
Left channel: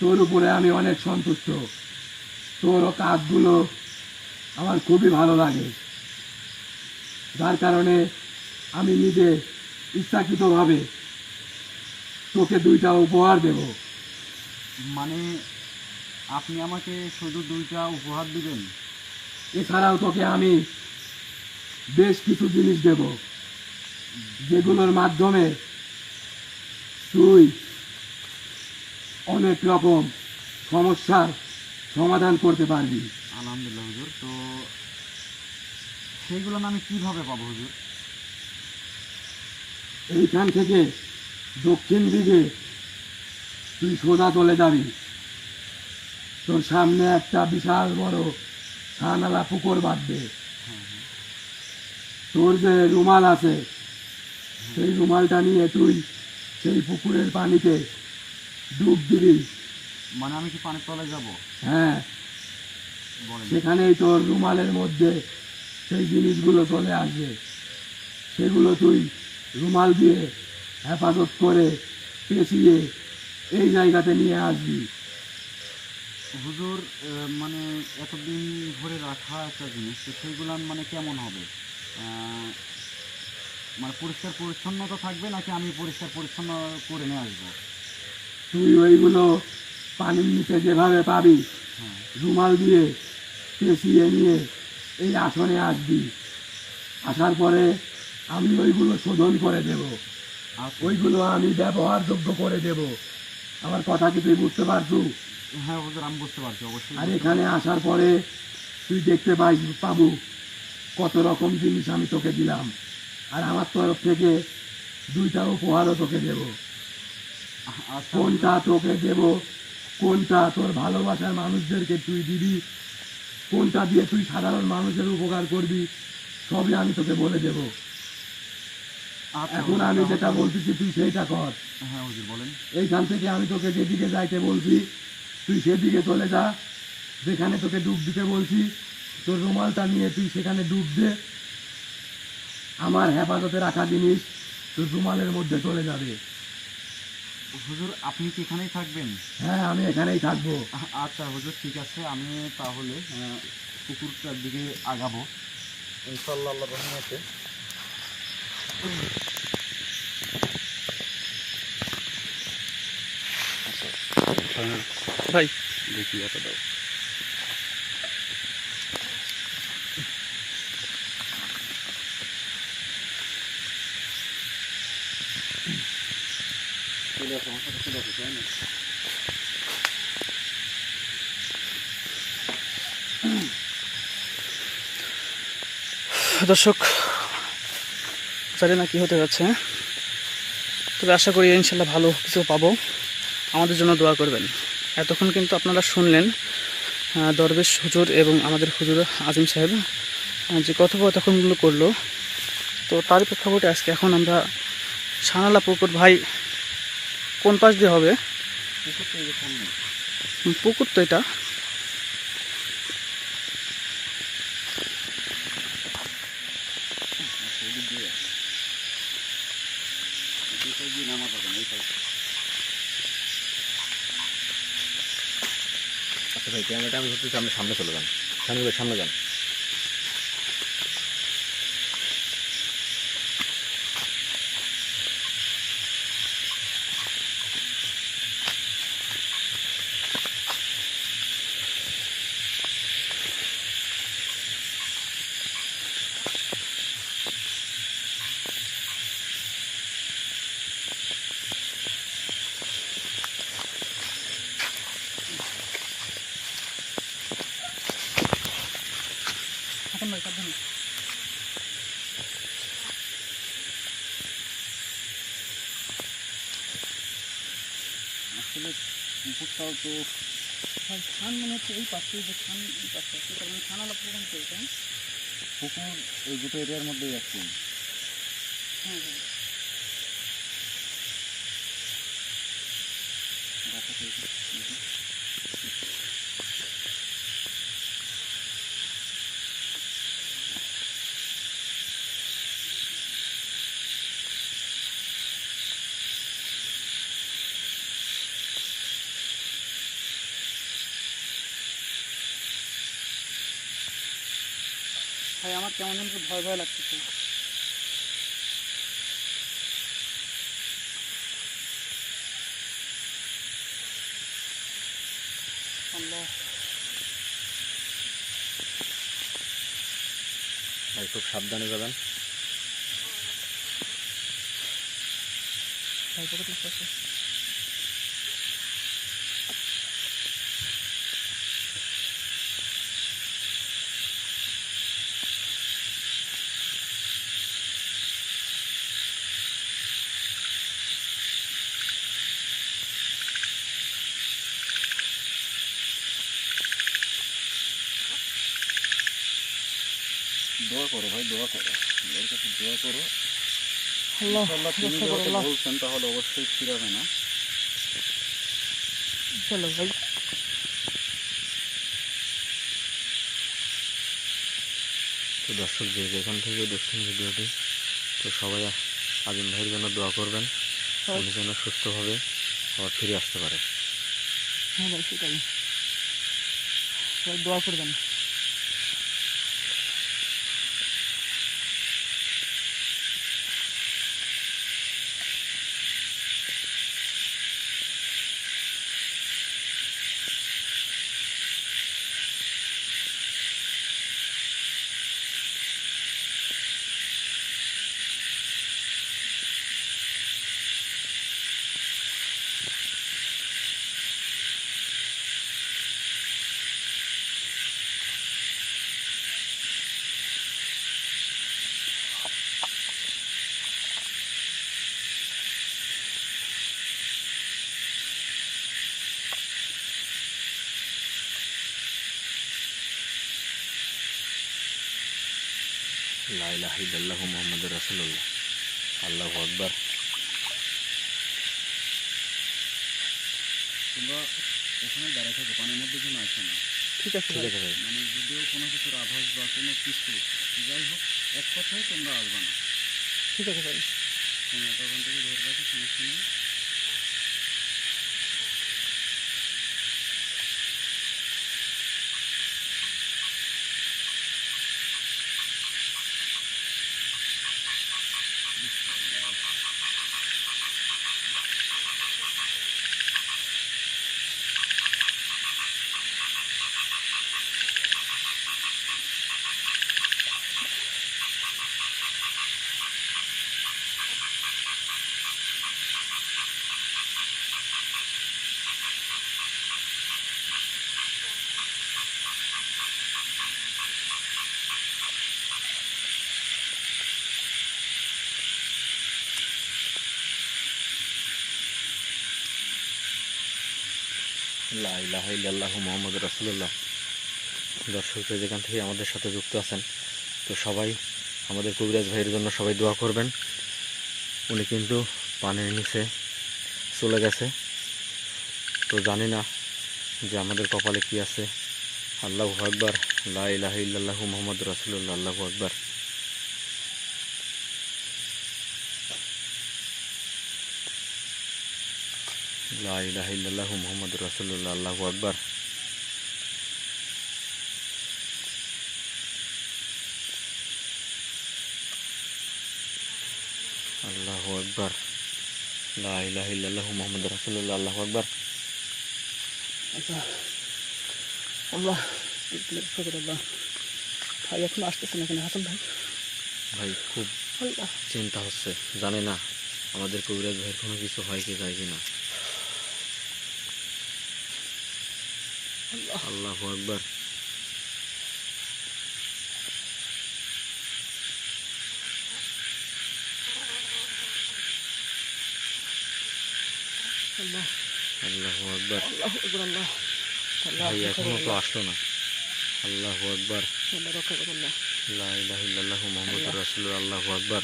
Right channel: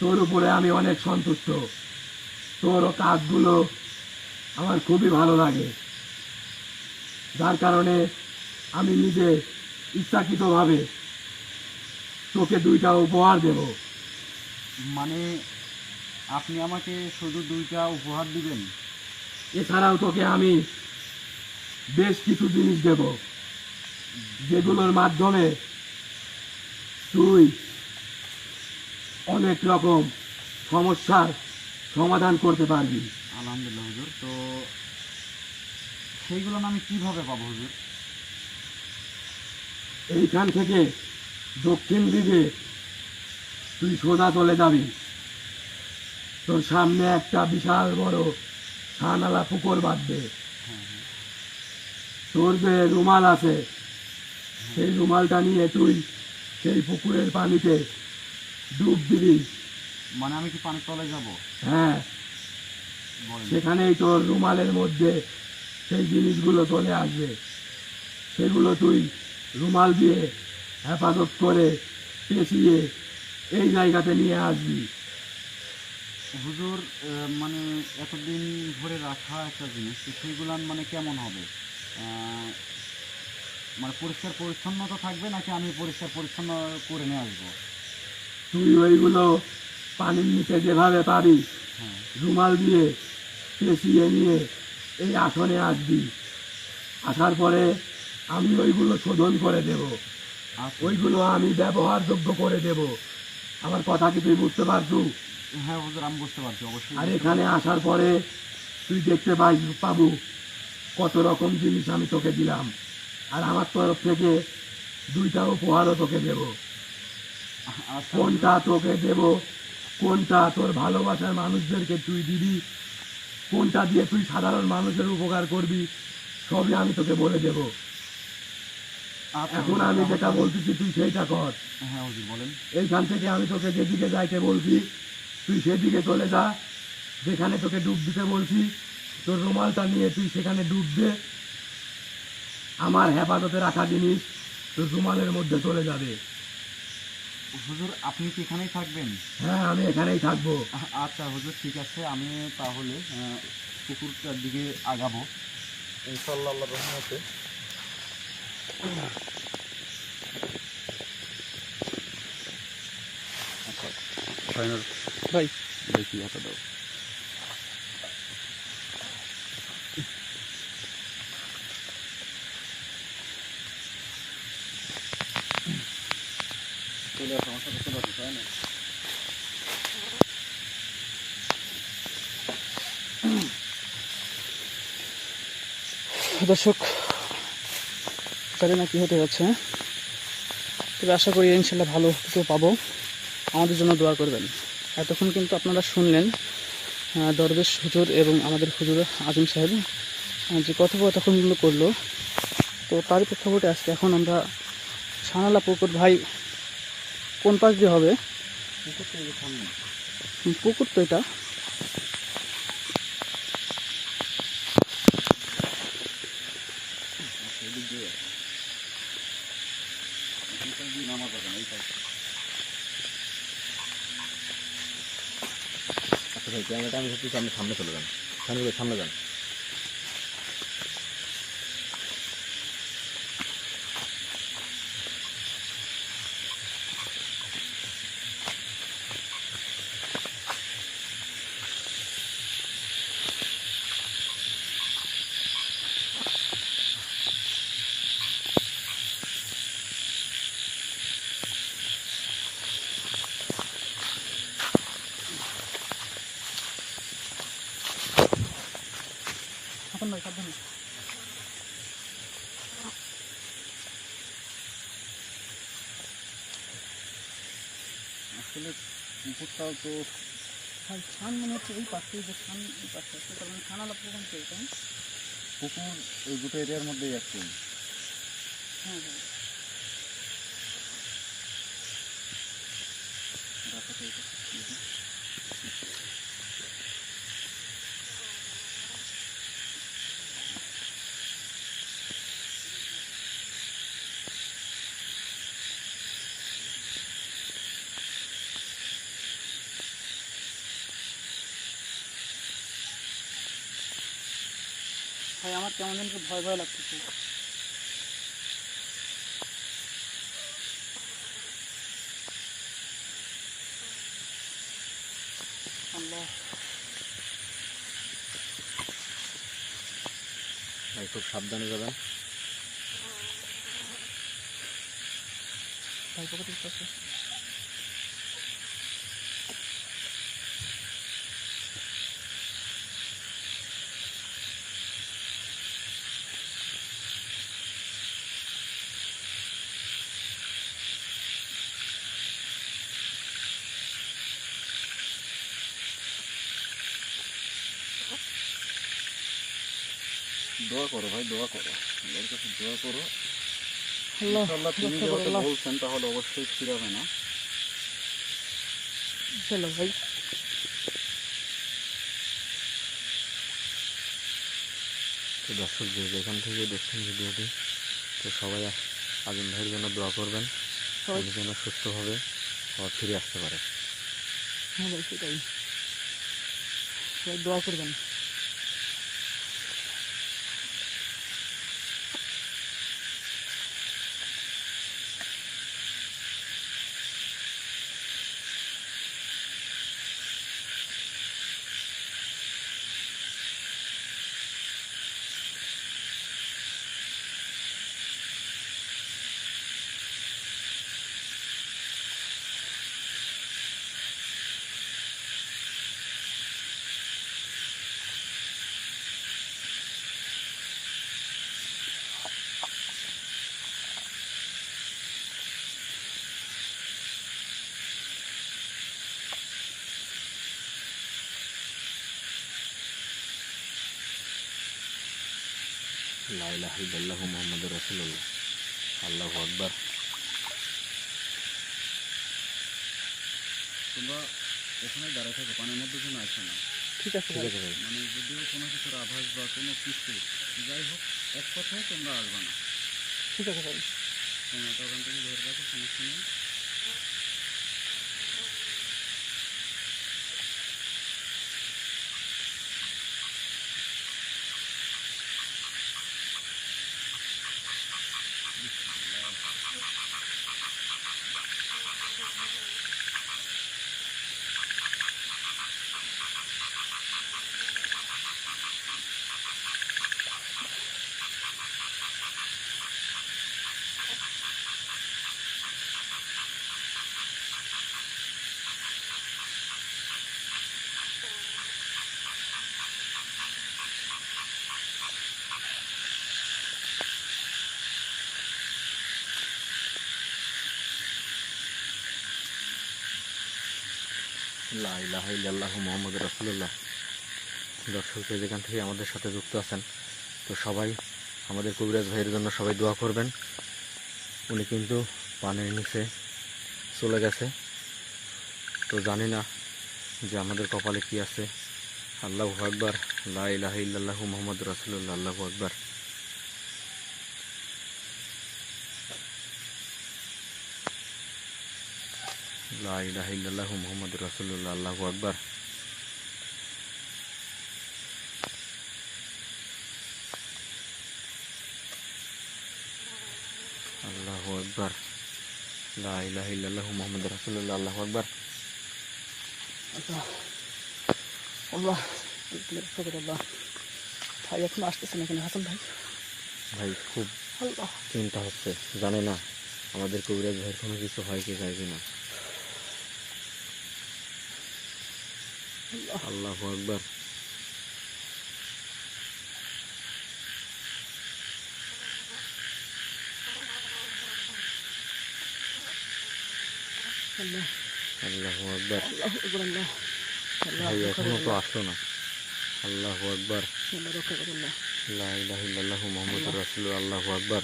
তোর উপরে আমি অনেক সন্তুষ্ট। তোর কাজগুলো আমার খুবই ভালো লাগে, যার কারণে আমি নিজে ইচ্ছাকৃতভাবে তোকে 2টা উপহার দেব। মানে আপনি আমাকে শুধু 2টা উপহার দিবেন? এছাড়াও তোকে আমি বেশ কিছু জিনিস দেব, যেগুলোর মাধ্যমে তুই অনেক রকম সমস্যার সমাধান করতে পারবি। আলহামদুলিল্লাহ হুজুর। তো সেইগুলো আমি কিভাবে পাবো হুজুর? এইখান থেকে দক্ষিণ দিকে তুই সোজা চলে যাবি। তোর সামনে একটা বিশাল বড় ছানালা পুকুর বাঁধবে। হ্যাঁ হ্যাঁ তোর যে রুমাল আছে সেই রুমালটা নিয়ে তুই সেই পুকুরের পানিতে ডুব দিবি। মানে আমি কি পানির তলায় যাব? হ্যাঁ, বলেন। সেখানেই তোর রুমালের মধ্যে সেই জিনিসগুলো চলে আসবে। সেগুলো তুই রুমাল দিয়ে হেফাজত করে পেঁচিয়ে এই জায়গাতে নিয়ে আসবি। হুজুর মানে এতদিন ধরে রাখা একটা জিনিস, তো সেইগুলো মানে কেমন হবে? মানে পরিষ্কার পরিচ্ছন্নতা থাকবে নাকি আমি পরিষ্কার পরিচ্ছন্ন করে নিয়ে আসবো? তুই ওইগুলো পানির নিচে যেভাবে পাবি হ্যাঁ রুমাল দিয়ে পেঁচিয়ে নিয়ে এই আসনে আসবি। আসার পরে আমি ওইগুলো শোধন করে দেব, আচ্ছা। ওইগুলো আমি ব্যবহারযোগ্য করে দেব। আমার কথা কি তুই বুঝতে পারছু? হ্যাঁ হুজুর, আমি বুঝতে পারছি অবশ্যই। আর এখানে আসার পরে তুই দেখতে পাবো কত রকম জিনিস আমি তোকে দিলাম, আর আমার তরফ থেকে 2টা উপহারও তোকে দেব। আচ্ছা কোনটা তোকে দেব, কোনটা তোর ভালোবাসার মানুষদেরকে তুই দিবি, কোনটা দিয়ে তুই সাধারণ মানুষের উপকার করবি, সবই আমি তোকে বলে দেব। আচ্ছা এখন হুজুর, আমি যেটা তাহলে- বলতেছি তুই সেইটা কর। হ্যাঁ হুজুর বলেন। এইখান থেকে আমি তোকে যেদিকে যাইতে বলছি তুই সেদিকে চলে যা। যেখানে তোকে ডুব দিতে বলছি তোর রুমালটা নিয়ে তুই সেখানে ডুব দে। আমার হেফাজতে রাখা জিনিস তোর রুমালের মধ্যে চলে যাবে। হুজুর আপনি কি এখানেই থাকবেন? হ্যাঁ, আমি এখানেই থাকবো। আচ্ছা হুজুর, ঠিক আছে, আমি তাহলে পুকুরটার দিকে আগাবো ইনশাআল্লাহ আল্লাহর রহমতে। ভাই দেখি এত দাও। চলে আসো আমার সাথে, চলে আসো, তাই না? দর্শক, জানি না কি হতে যাচ্ছে, তবে আশা করি ইনশাল্লাহ ভালো কিছু পাবো। আমাদের জন্য দোয়া করবেন। এতক্ষণ কিন্তু আপনারা শুনলেন দরবেশ হুজুর এবং আমাদের হুজুর আজিম সাহেব যে কথোপকথনগুলো করলো, তো তার প্রেক্ষাপটে আজকে এখন আমরা সানালা পুকুর, ভাই কোন পাশ দিয়ে হবে? পুকুর তো এটা। আচ্ছা ভাই, ক্যামেরাটা আমি ধরতে সামনে সামনে চলে যান, সামনে সামনে যান। এখন ভাই সাবধানে। আসলে পুকুরটাও তো ভাই খান মনে হচ্ছে এই পাশে, যে খান এই পাশে আছে, তার মানে সানালা পুকুর তো এটা। পুকুর ওই দুটো এরিয়ার মধ্যেই একটি। হ্যাঁ হ্যাঁ। ভাই আমার কেমন যেন একটু ভয় ভয় লাগতেছে। আল্লাহ, ভাই খুব সাবধানে যাবেন। ভাই পকেটে কিছু আছে। দোয়া করো ভাই, দোয়া করো, আল্লাহর কাছে দোয়া করো। আল্লাহ, ইনশাআল্লাহ তিনি রক্ষা করো যেহেতু আল্লাহ। বলছেন তাহলে অবশ্যই ফিরাবে না। চলো ভাই। তো দর্শক, যে যেখান থেকে দেখছেন ভিডিওটি, তো সবাই আজিম ভাইয়ের জন্য দোয়া করবেন, উনি যেন সুস্থভাবে আবার ফিরে আসতে পারে। হ্যাঁ ভাই সেটাই, সবাই দোয়া করবেন। লা ইলাহা ইল্লাল্লাহু মুহাম্মাদুর রাসূলুল্লাহ। আল্লাহু আকবার। তোমরা ওখানে দাঁড়ায় থাকো, পানির মধ্যে যেন আসো না। ঠিক আছে ঠিক ভাই। আছে ভাই। মানে যদিও কোনো কিছুর আভাস বা কোনো কিছু যাই হোক, এক কথায় তোমরা আসবে না। ঠিক আছে ভাই। ক্যামেরাটা ওখান থেকে ধরে রাখো, সমস্যা নেই। লা ইলাহা ইল্লাল্লাহু মুহাম্মাদুর রাসূলুল্লাহ। দর্শক যে যেখান থেকে আমাদের সাথে যুক্ত আছেন, তো সবাই আমাদের কবিরাজ ভাইয়ের জন্য সবাই দোয়া করবেন। উনি কিন্তু পানির নিচে চলে গেছে, তো জানি না যে আমাদের কপালে কি আছে। আল্লাহু আকবার, লা ইলাহা ইল্লাল্লাহু মুহাম্মাদুর রাসূলুল্লাহ, আল্লাহু আকবার। লা ইলাহা ইল্লাল্লাহু মুহাম্মাদুর রাসূলুল্লাহ, আল্লাহু আকবার। আল্লাহু আকবার, লা ইলাহা ইল্লাল্লাহু মুহাম্মাদুর রাসূলুল্লাহ, আল্লাহু আকবার। আল্লাহ আল্লাহ ভাই এখন আসতেছে না কেন হাসান ভাই? ভাই খুব আল্লাহ চিন্তা হচ্ছে, জানে না আমাদের কবিরাজ ভাইয়ের কোনো কিছু হয় কি যায় কিনা। আল্লাহু আকবার। আল্লাহ আল্লাহু আকবার। আল্লাহ আল্লাহ আল্লাহ ভাই এখনো তো আসলো না। আল্লাহু আকবার, আল্লাহ রক্ষা করে আল্লাহ। লা ইলাহা ইল্লাল্লাহু মুহাম্মাদুর রাসূলুল্লাহ, আল্লাহু আকবার।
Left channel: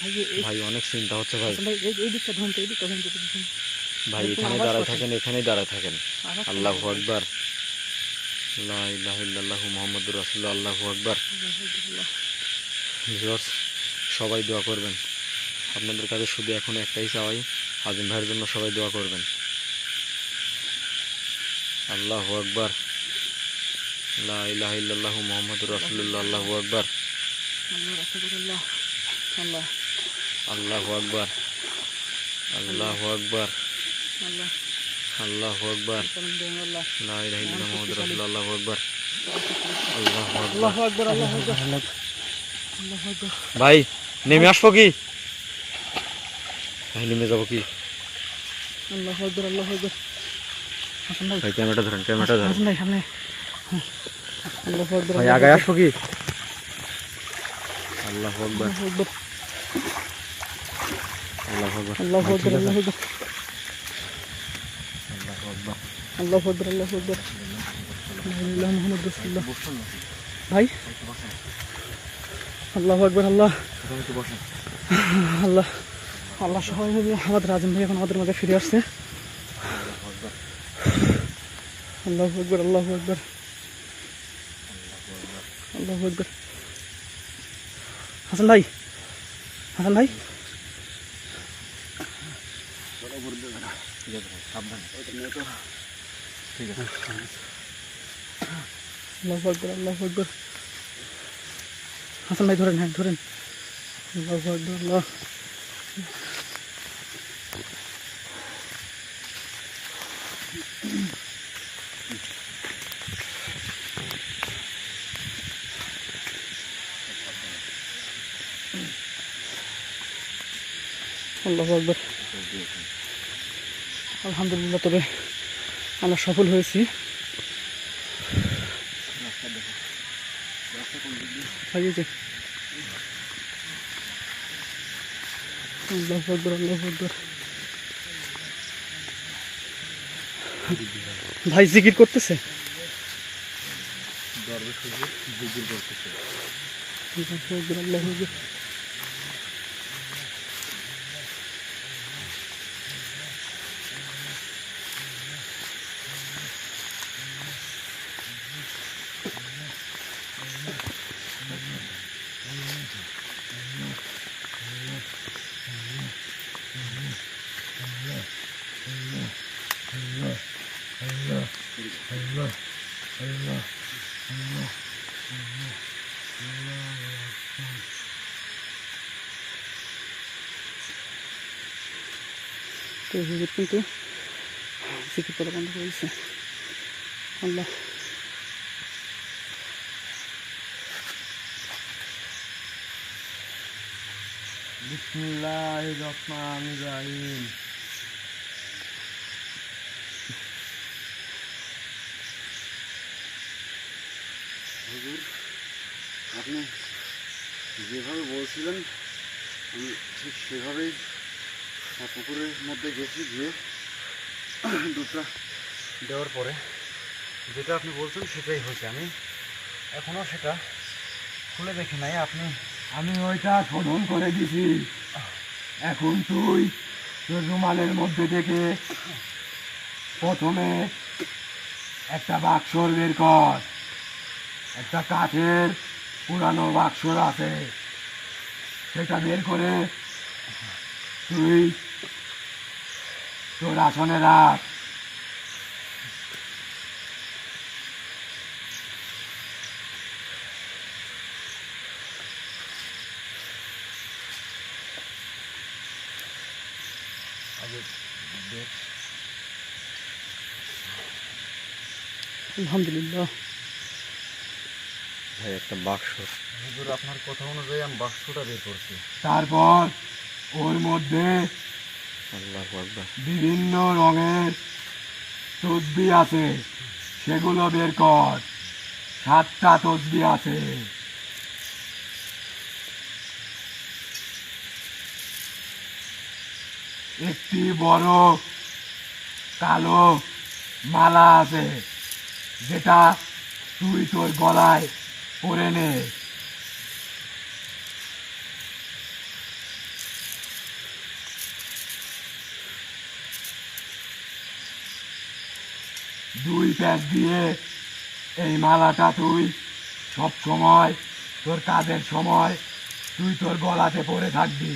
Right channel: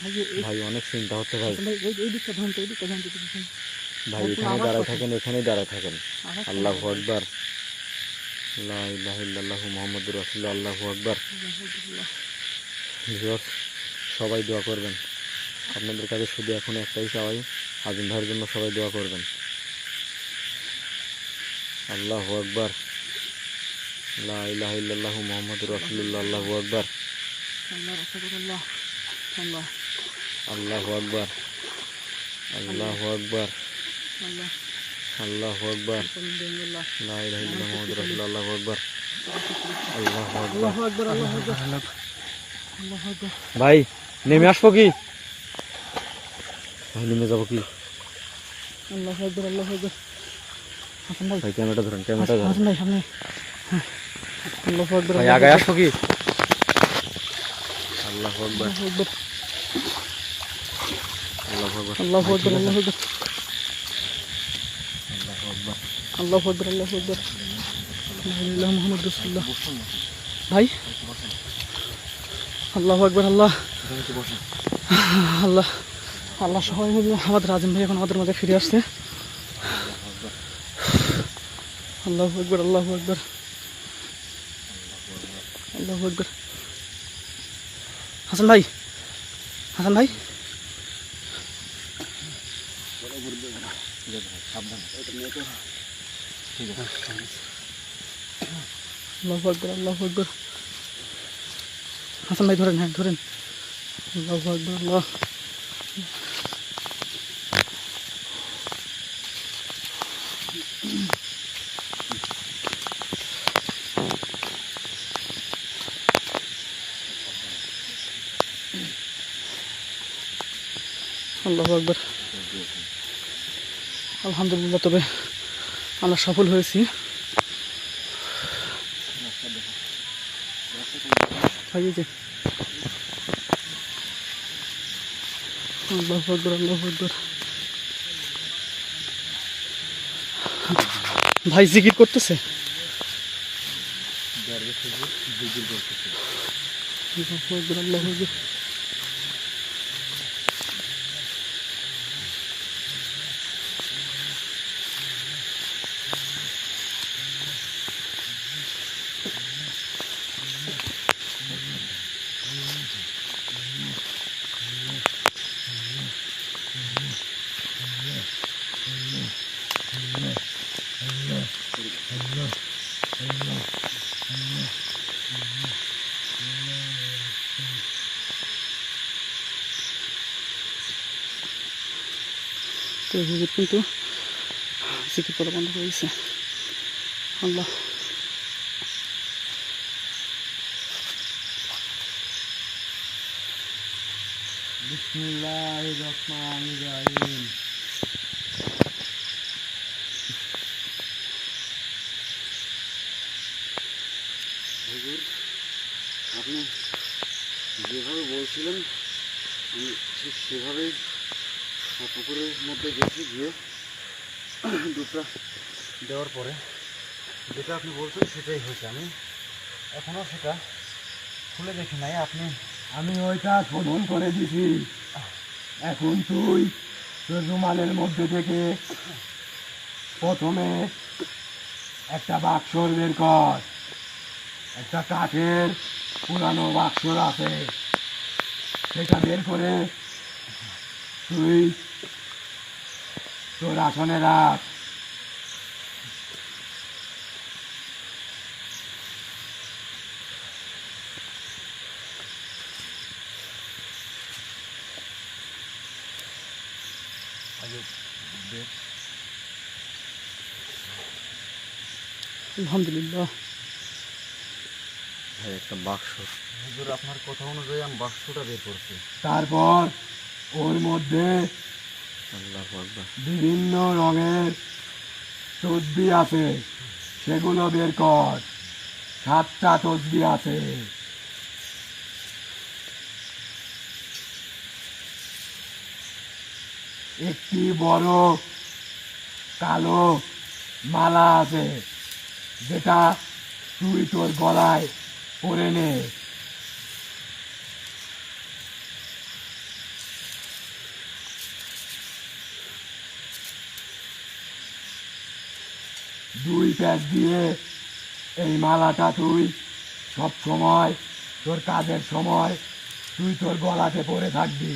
ভাই ভাই অনেক চিন্তা হচ্ছে ভাই। ভাই এই দিকটা ধরুন, এই দিকটা ধরুন। ভাই এখানে দাঁড়ায় থাকেন, এখানেই দাঁড়ায় থাকেন। আল্লাহু আকবার, লা ইলাহা ইল্লাল্লাহু মুহাম্মাদুর রাসূলুল্লাহ, আল্লাহু আকবার। ভিউয়ার্স সবাই দোয়া করবেন। আপনাদের কাছে শুধু এখন একটাই চাওয়াই, আজিম ভাইয়ের জন্য সবাই দোয়া করবেন। আল্লাহু আকবার, লা ইলাহা ইল্লাল্লাহু মুহাম্মাদুর রাসূলুল্লাহ, আল্লাহু আকবার। আল্লাহ রক্ষা করে আল্লাহ। আল্লাহ আল্লাহু আকবার, আল্লাহু আকবার, আল্লাহ আল্লাহু আকবার, আল্লাহ লা ইলাহা ইল্লাল্লাহু মুহাম্মাদুর রাসূলুল্লাহ, আল্লাহু আকবার। আল্লাহু আকবার। আল্লাহু আকবার আল্লাহু আকবার আল্লাহু আকবার। ভাই নেমে আসবো কি? ভাই নেমে যাবো কি? আল্লাহু আকবার আল্লাহু আকবার। হাসান ভাই ভাই ক্যামেরাটা ধরেন, ক্যামেরাটা ধরেন। হাসান ভাই সামনে। আল্লাহু আকবার ভাই আগে আসবো কি? আল্লাহু আকবার, আল্লাহু আকবার আল্লাহু আকবার, আল্লাহু আকবার আল্লাহু আকবার আল্লাহু আকবার। আল্লাহু আকবার আল্লাহু আকবার। লা ইলাহা মুহাম্মাদুর রাসূলুল্লাহ। ভাই আল্লাহু আকবার। আল্লাহ আল্লাহ আল্লাহ সবাই মিলে আমাদের আজিম ভাই এখন আমাদের মাঝে ফিরে আসছে। আল্লাহু আকবার আল্লাহু আকবার আল্লাহু আকবার। হাসান ভাই, হাসান ভাই আল্লাহু আকবার আল্লাহু আকবার। হাসান ভাই ধরেন, হ্যাঁ ধরেন। আল্লাহু আকবার আল্লাহ। আল্লাহু আকবার। আলহামদুলিল্লাহ, তবে আমরা সফল হয়েছি। ভাই এই যে আল্লাহু আকবার আল্লাহু আকবার। ভাই জিকির করতেছে। আল্লাহু আকবার আল্লাহু আকবার। তো হুজুর কিন্তু জিকির করা বন্ধ করে দিয়েছে। আল্লাহ বিসমিল্লাহির রহমানির রহিম। হুজুর, আপনি যেভাবে বলছিলেন আমি ঠিক সেভাবেই পুকুরের মধ্যে গেছি, গিয়ে দুধটা দেওয়ার পরে যেটা আপনি বলছেন সেটাই হয়েছে। আমি এখনো সেটা খুলে দেখি নাই। আপনি আমি ওইটা শোধন করে দিছি। এখন তুই তোর রুমালের মধ্যে থেকে প্রথমে একটা বাক্স বের কর। একটা কাঠের পুরানো বাক্স আছে, সেটা বের করে তুই তোর আসনে রাখ। আলহামদুলিল্লাহ। ভাই একটা বাক্স। হুজুর আপনার কথা অনুযায়ী আমি বাক্সটা বের করছি। তারপর ওর মধ্যে আল্লাহু আকবার। বিভিন্ন রঙের তসবি আছে, সেগুলো বের কর। 7টা তসবি আছে। একটি বড় কালো মালা আছে, যেটা তুই তোর গলায় পরে নে। দুই প্যাক দিয়ে এই মালাটা তুই সব সময় তোর কাজের সময় তুই তোর গলাতে পরে থাকবি।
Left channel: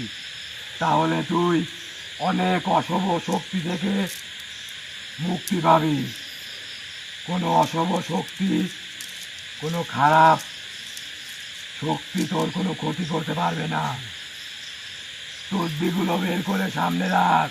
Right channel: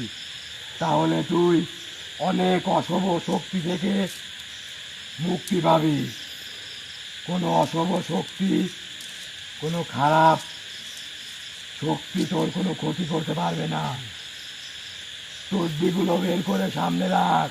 তাহলে তুই অনেক অশুভ শক্তি থেকে মুক্তি পাবি। কোনো অশুভ শক্তি, কোনো খারাপ শক্তি তোর কোনো ক্ষতি করতে পারবে না। তসবিগুলো বের করে সামনে রাখ।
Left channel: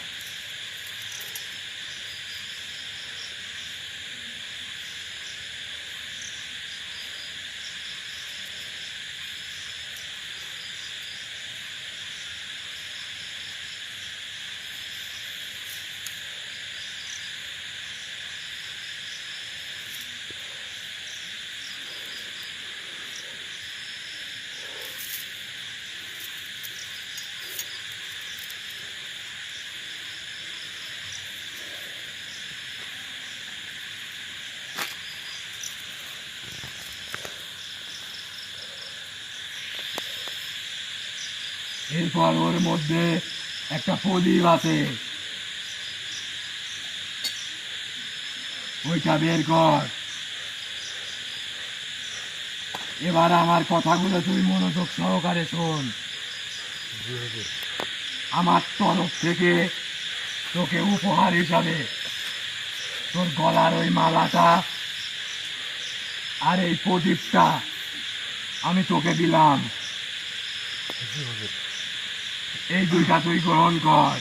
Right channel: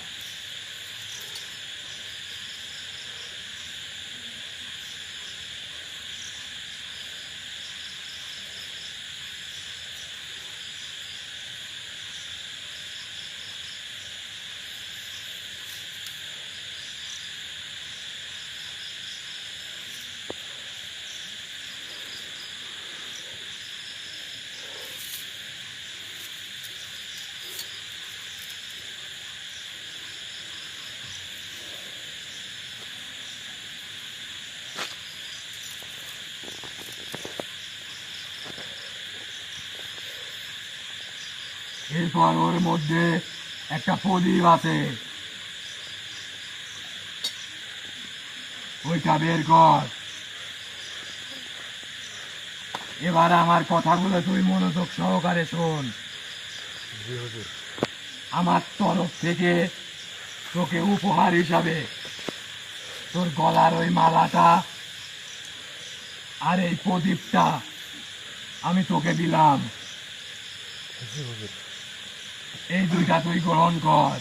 এরপর ওর মধ্যে একটা প্রদীপ আছে, ওইটা বের কর। এবার আমার কথাগুলো তুই মনোযোগ সহকারে শোন। আমার তরফ থেকে তোকে উপহার হিসাবে তোর গলার ওই মালাটা আর এই প্রদীপটা আমি তোকে দিলাম। এই দুইটা তুই গ্রহণ কর।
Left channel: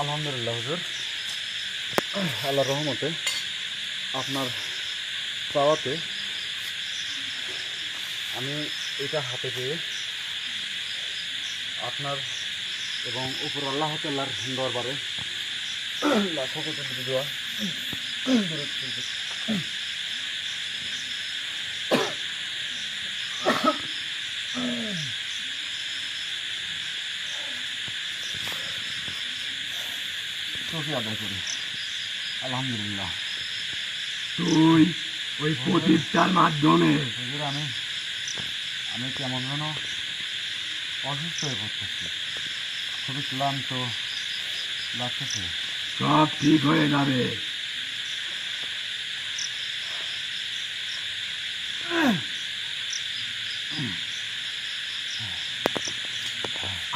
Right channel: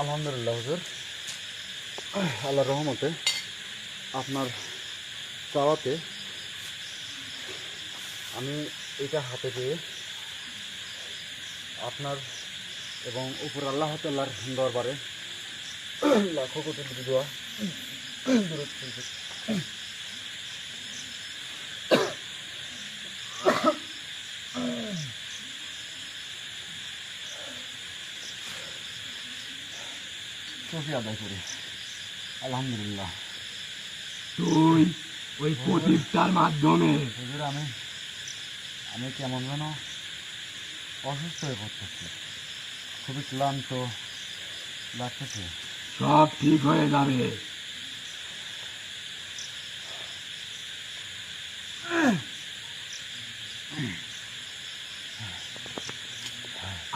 আলহামদুলিল্লাহ হুজুর, আল্লাহর রহমতে আপনার চাওয়াতে আমি এটা হাতে পেয়ে আপনার এবং উপর আল্লাহ তাআলার দরবারে লাখো কোটি দোয়া দরুদ করি। শুকরিয়া আদায় করি। আলহামদুলিল্লাহ। তুই ওই প্রদীপটার মাধ্যমে হুজুর আমি কেমন যেন অসুস্থ হয়ে পড়তেছি, খুবই ক্লান্ত লাগতেছে। সব ঠিক হয়ে যাবে।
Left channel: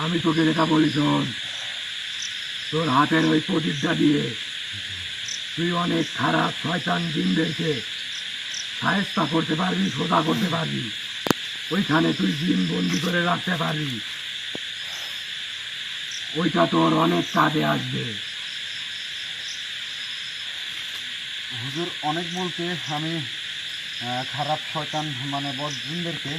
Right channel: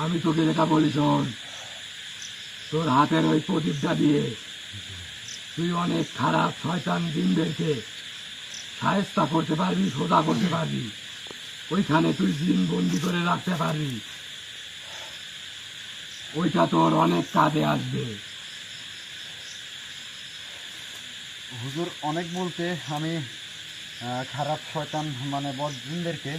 আমি তোকে যেটা বলি শোন, তোর হাতের ওই প্রদীপটা দিয়ে তুই অনেক খারাপ শয়তান জিনদেরকে সায়স্তা করতে পারবি, সোজা করতে পারবি। ওইখানে তুই জিন বন্দি করে রাখতে পারবি। ওইটা তোর অনেক কাজে আসবে। হুজুর অনেক বলতে আমি খারাপ শয়তান মানে বদজিনদেরকে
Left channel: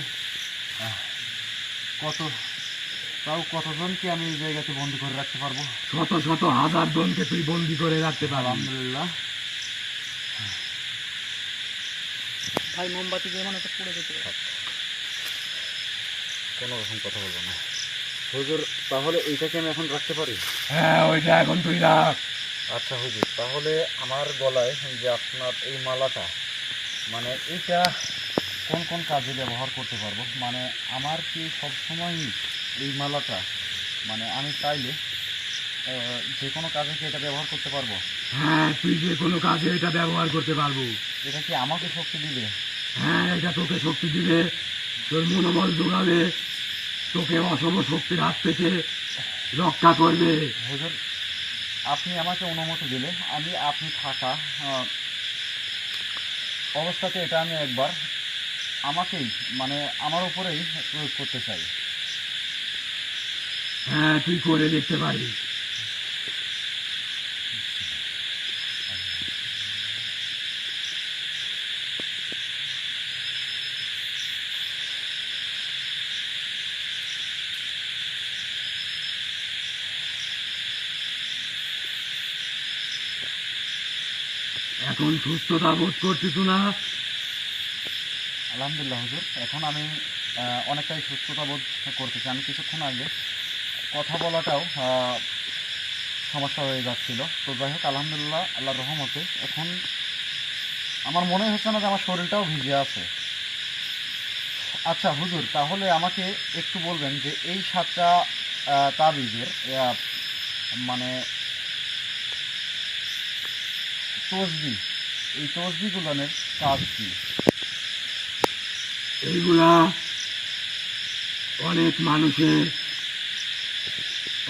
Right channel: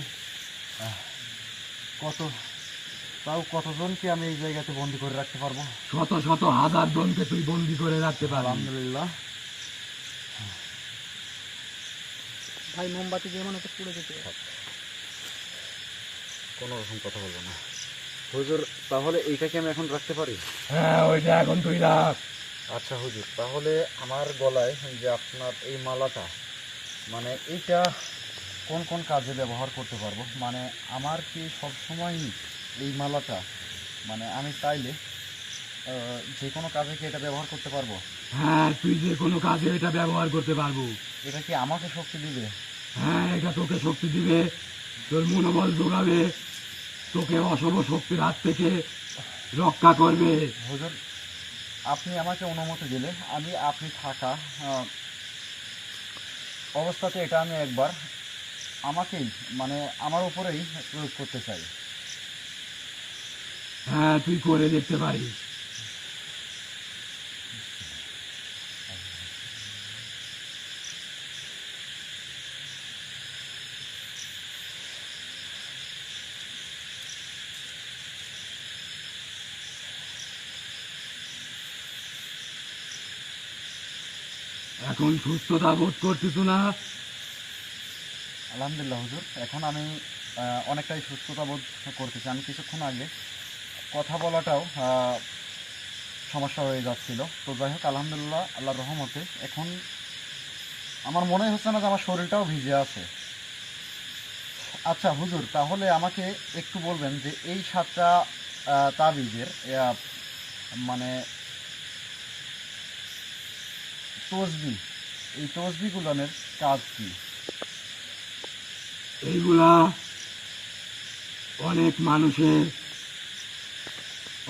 কতজনকে আমি এই জায়গাতে বন্দি করে রাখতে পারবো? শত শত হাজার জনকে তুই বন্দি করে রাখতে পারবি। আলহামদুলিল্লাহ। ভাই মোমবাতি দিয়ে মানে একটা পুড়ে যেতে কোনো রকম কথা বলবো না হুজুর। তাহলে এইটাকে আমি এখন রাখতে পারি? হ্যাঁ, ওইটা এখন তুই রাখ। আচ্ছা হুজুর, তাহলে আমার গলায় যে আপনার এই মালাটা, মানে এইটা কোন কোন কাজে ব্যবহার করতে পারবো? মানে আমার কি সবসময়ই এই মালাটা, মানে আমি চাইলে যে কোনো কাজে কি এটা ব্যবহার করতে পারবো? হ্যাঁ, তুই যে কোনো কাজে এটা ব্যবহার করতে পারবো। এটা কি আমাকে শক্তি দিবে? হ্যাঁ, এটা তোকে শক্তি দিবে, তোর মনোবল যোগাবে, তোকে অশুভ শক্তির হাত থেকে রক্ষা করবে। হুজুর, আপনি আমাকে অনুমতি দিলে আমি আপনি থাকা অবস্থাতে এটা আমি একবার আমাকেই, মানে আমার উপরেই প্রয়োগ করতে চাই। হ্যাঁ, তুই করে দেখতে পারিস। এখন সুস্থতা বোধ করছিস না? আলহামদুলিল্লাহ হুজুর, এখন আমি অনেকটাই সুস্থতা বোধ করতেছি। আমি কিছুক্ষণ আগে কথা বলাটাও সমস্যা হয়ে যাচ্ছিল। তো যাই হোক, আলহামদুলিল্লাহ, আল্লাহর রহমতে এখন আমার মনে হচ্ছে না যে আমার শরীরটাও ভিজে আছে। আচ্ছা হুজুর, তাহলে আমাকে একটু বলবেন যে এই 7টা তাবিজের মানে তসবি, এই তসবিগুলোর কাজ কি? এইগুলা অনেক মানুষের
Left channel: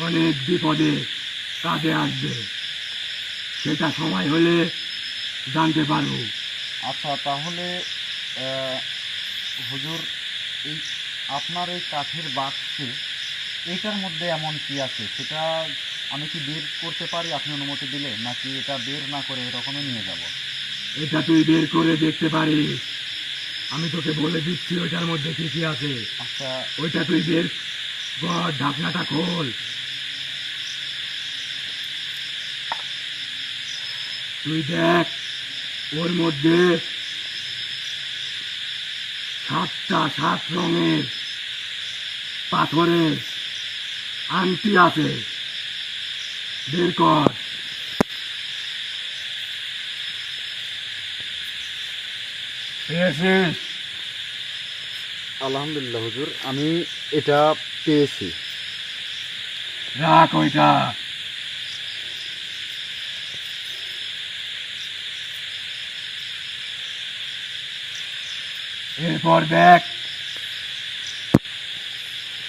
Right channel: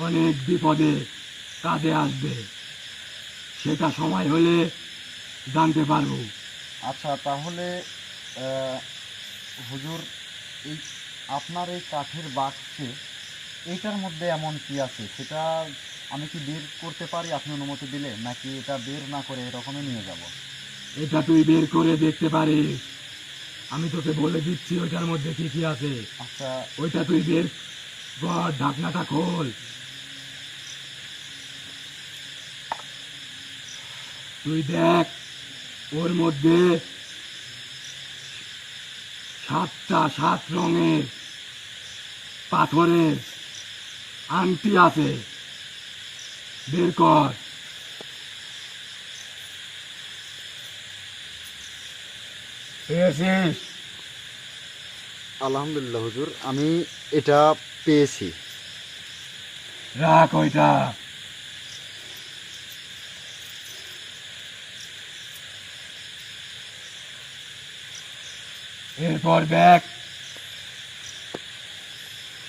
অনেক বিপদে কাজে আসবে, সেটা সময় হলে জানতে পারবো। আচ্ছা, তাহলে হুজুর, এই আপনার এই কাঠের বাক্সে এইটার মধ্যে এমন কি আছে সেটা আমি কি বের করতে পারি আপনি অনুমতি দিলে, নাকি এটা বের না করে এরকমই নিয়ে যাব? এটা তুই বের করে দেখতে পারিস, আমি তোকে বলে দিচ্ছি ওইটার মধ্যে কি কি আছে। আচ্ছা, ওইটা তুই বের কর, ঢাকনাটা খোল। তুই দেখ, ওর মধ্যে 7টা 7 রঙের পাথরের আংটি আছে, বের কর। পেয়েছিস? আলহামদুলিল্লাহ হুজুর, আমি এটা পেয়েছি। রাখ ওইটা। এরপর দেখ,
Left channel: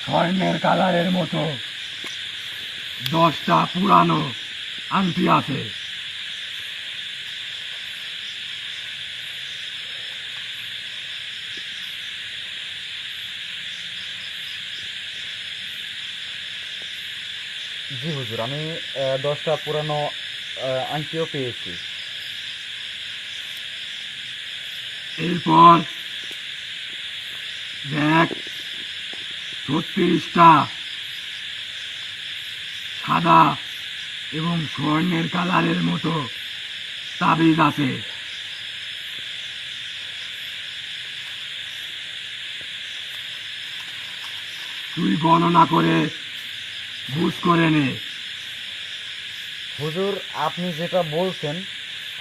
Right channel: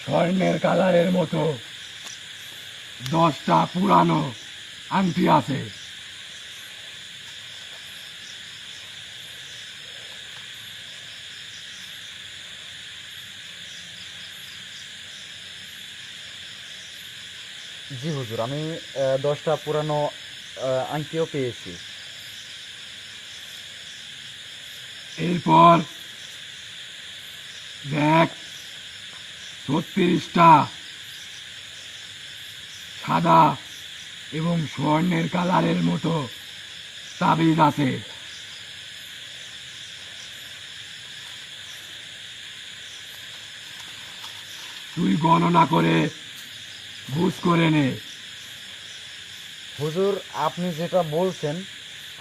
স্বর্ণের কালারের মতো 10টা পুরানো আংটি আছে। জি হুজুর, আমি 10টা পুরানো আংটিও পেয়েছি। এরপর দেখ, 36টা সাদা এবং স্বর্ণের কালারের মতো তাবিজ আছে। তুই গণনা করে বুঝ করে নে। হুজুর, আপনি যেটা বলছেন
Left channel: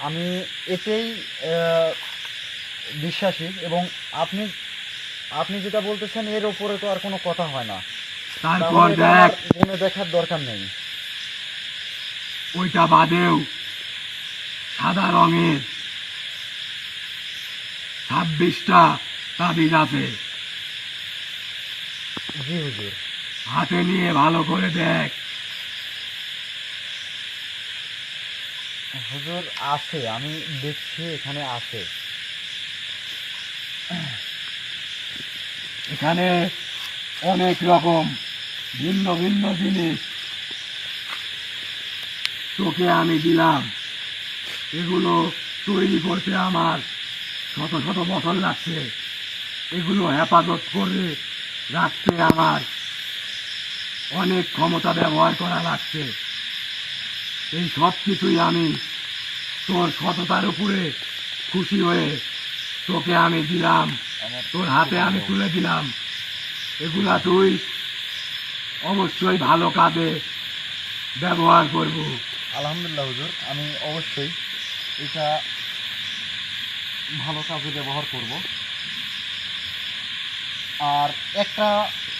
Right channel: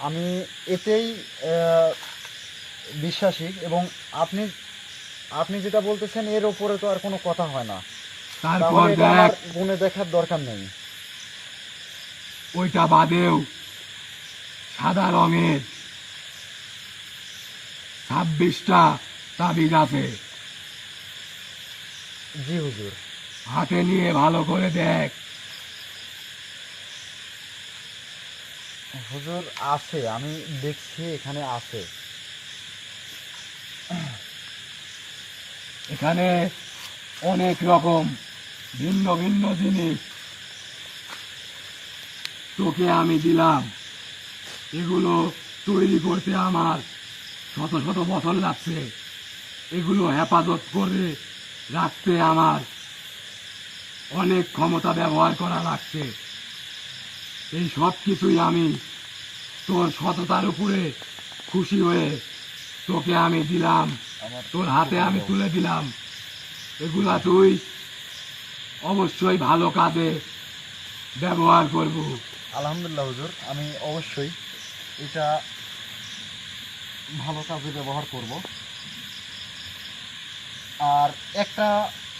আমি এতেই বিশ্বাসী, এবং আপনি আপনি যেটা বলতেছেন এর উপরে তো আর কোনো কথা হয় না। তারপর তাহলে এটা দেখ, আমার গুণে দেখার দরকার নেই। ওইটা বাদেও সাদা রঙের 26টা তাবিজ আছে। জি হুজুর। হাতে নিয়ে ভালো করে দেখ। হুজুর, আছে, আমি দেখছি এখানে আছে। এখানে অনেক রকম ভিন্ন ভিন্ন জিনিস তোকে আমি দিলাম। এগুলো তৈরি করতে আমার শত শত বছর লাগছে, এগুলো হেফাজত করে রাখতে আমার অনেক ক্ষমতা ব্যবহার করা লাগছে। এই সব কিছুই আমি তোর সততার উপরে খুশি হয়ে তোকে আমি দিলাম, তোর হাতে আমি তুলে দিলাম। এগুলা তুই অবশ্যই ভালো কাজে ব্যবহার করবো। আলহামদুলিল্লাহ হুজুর, আমি অবশ্যই এটা ভালো কাজে ব্যবহার করব। আর একটা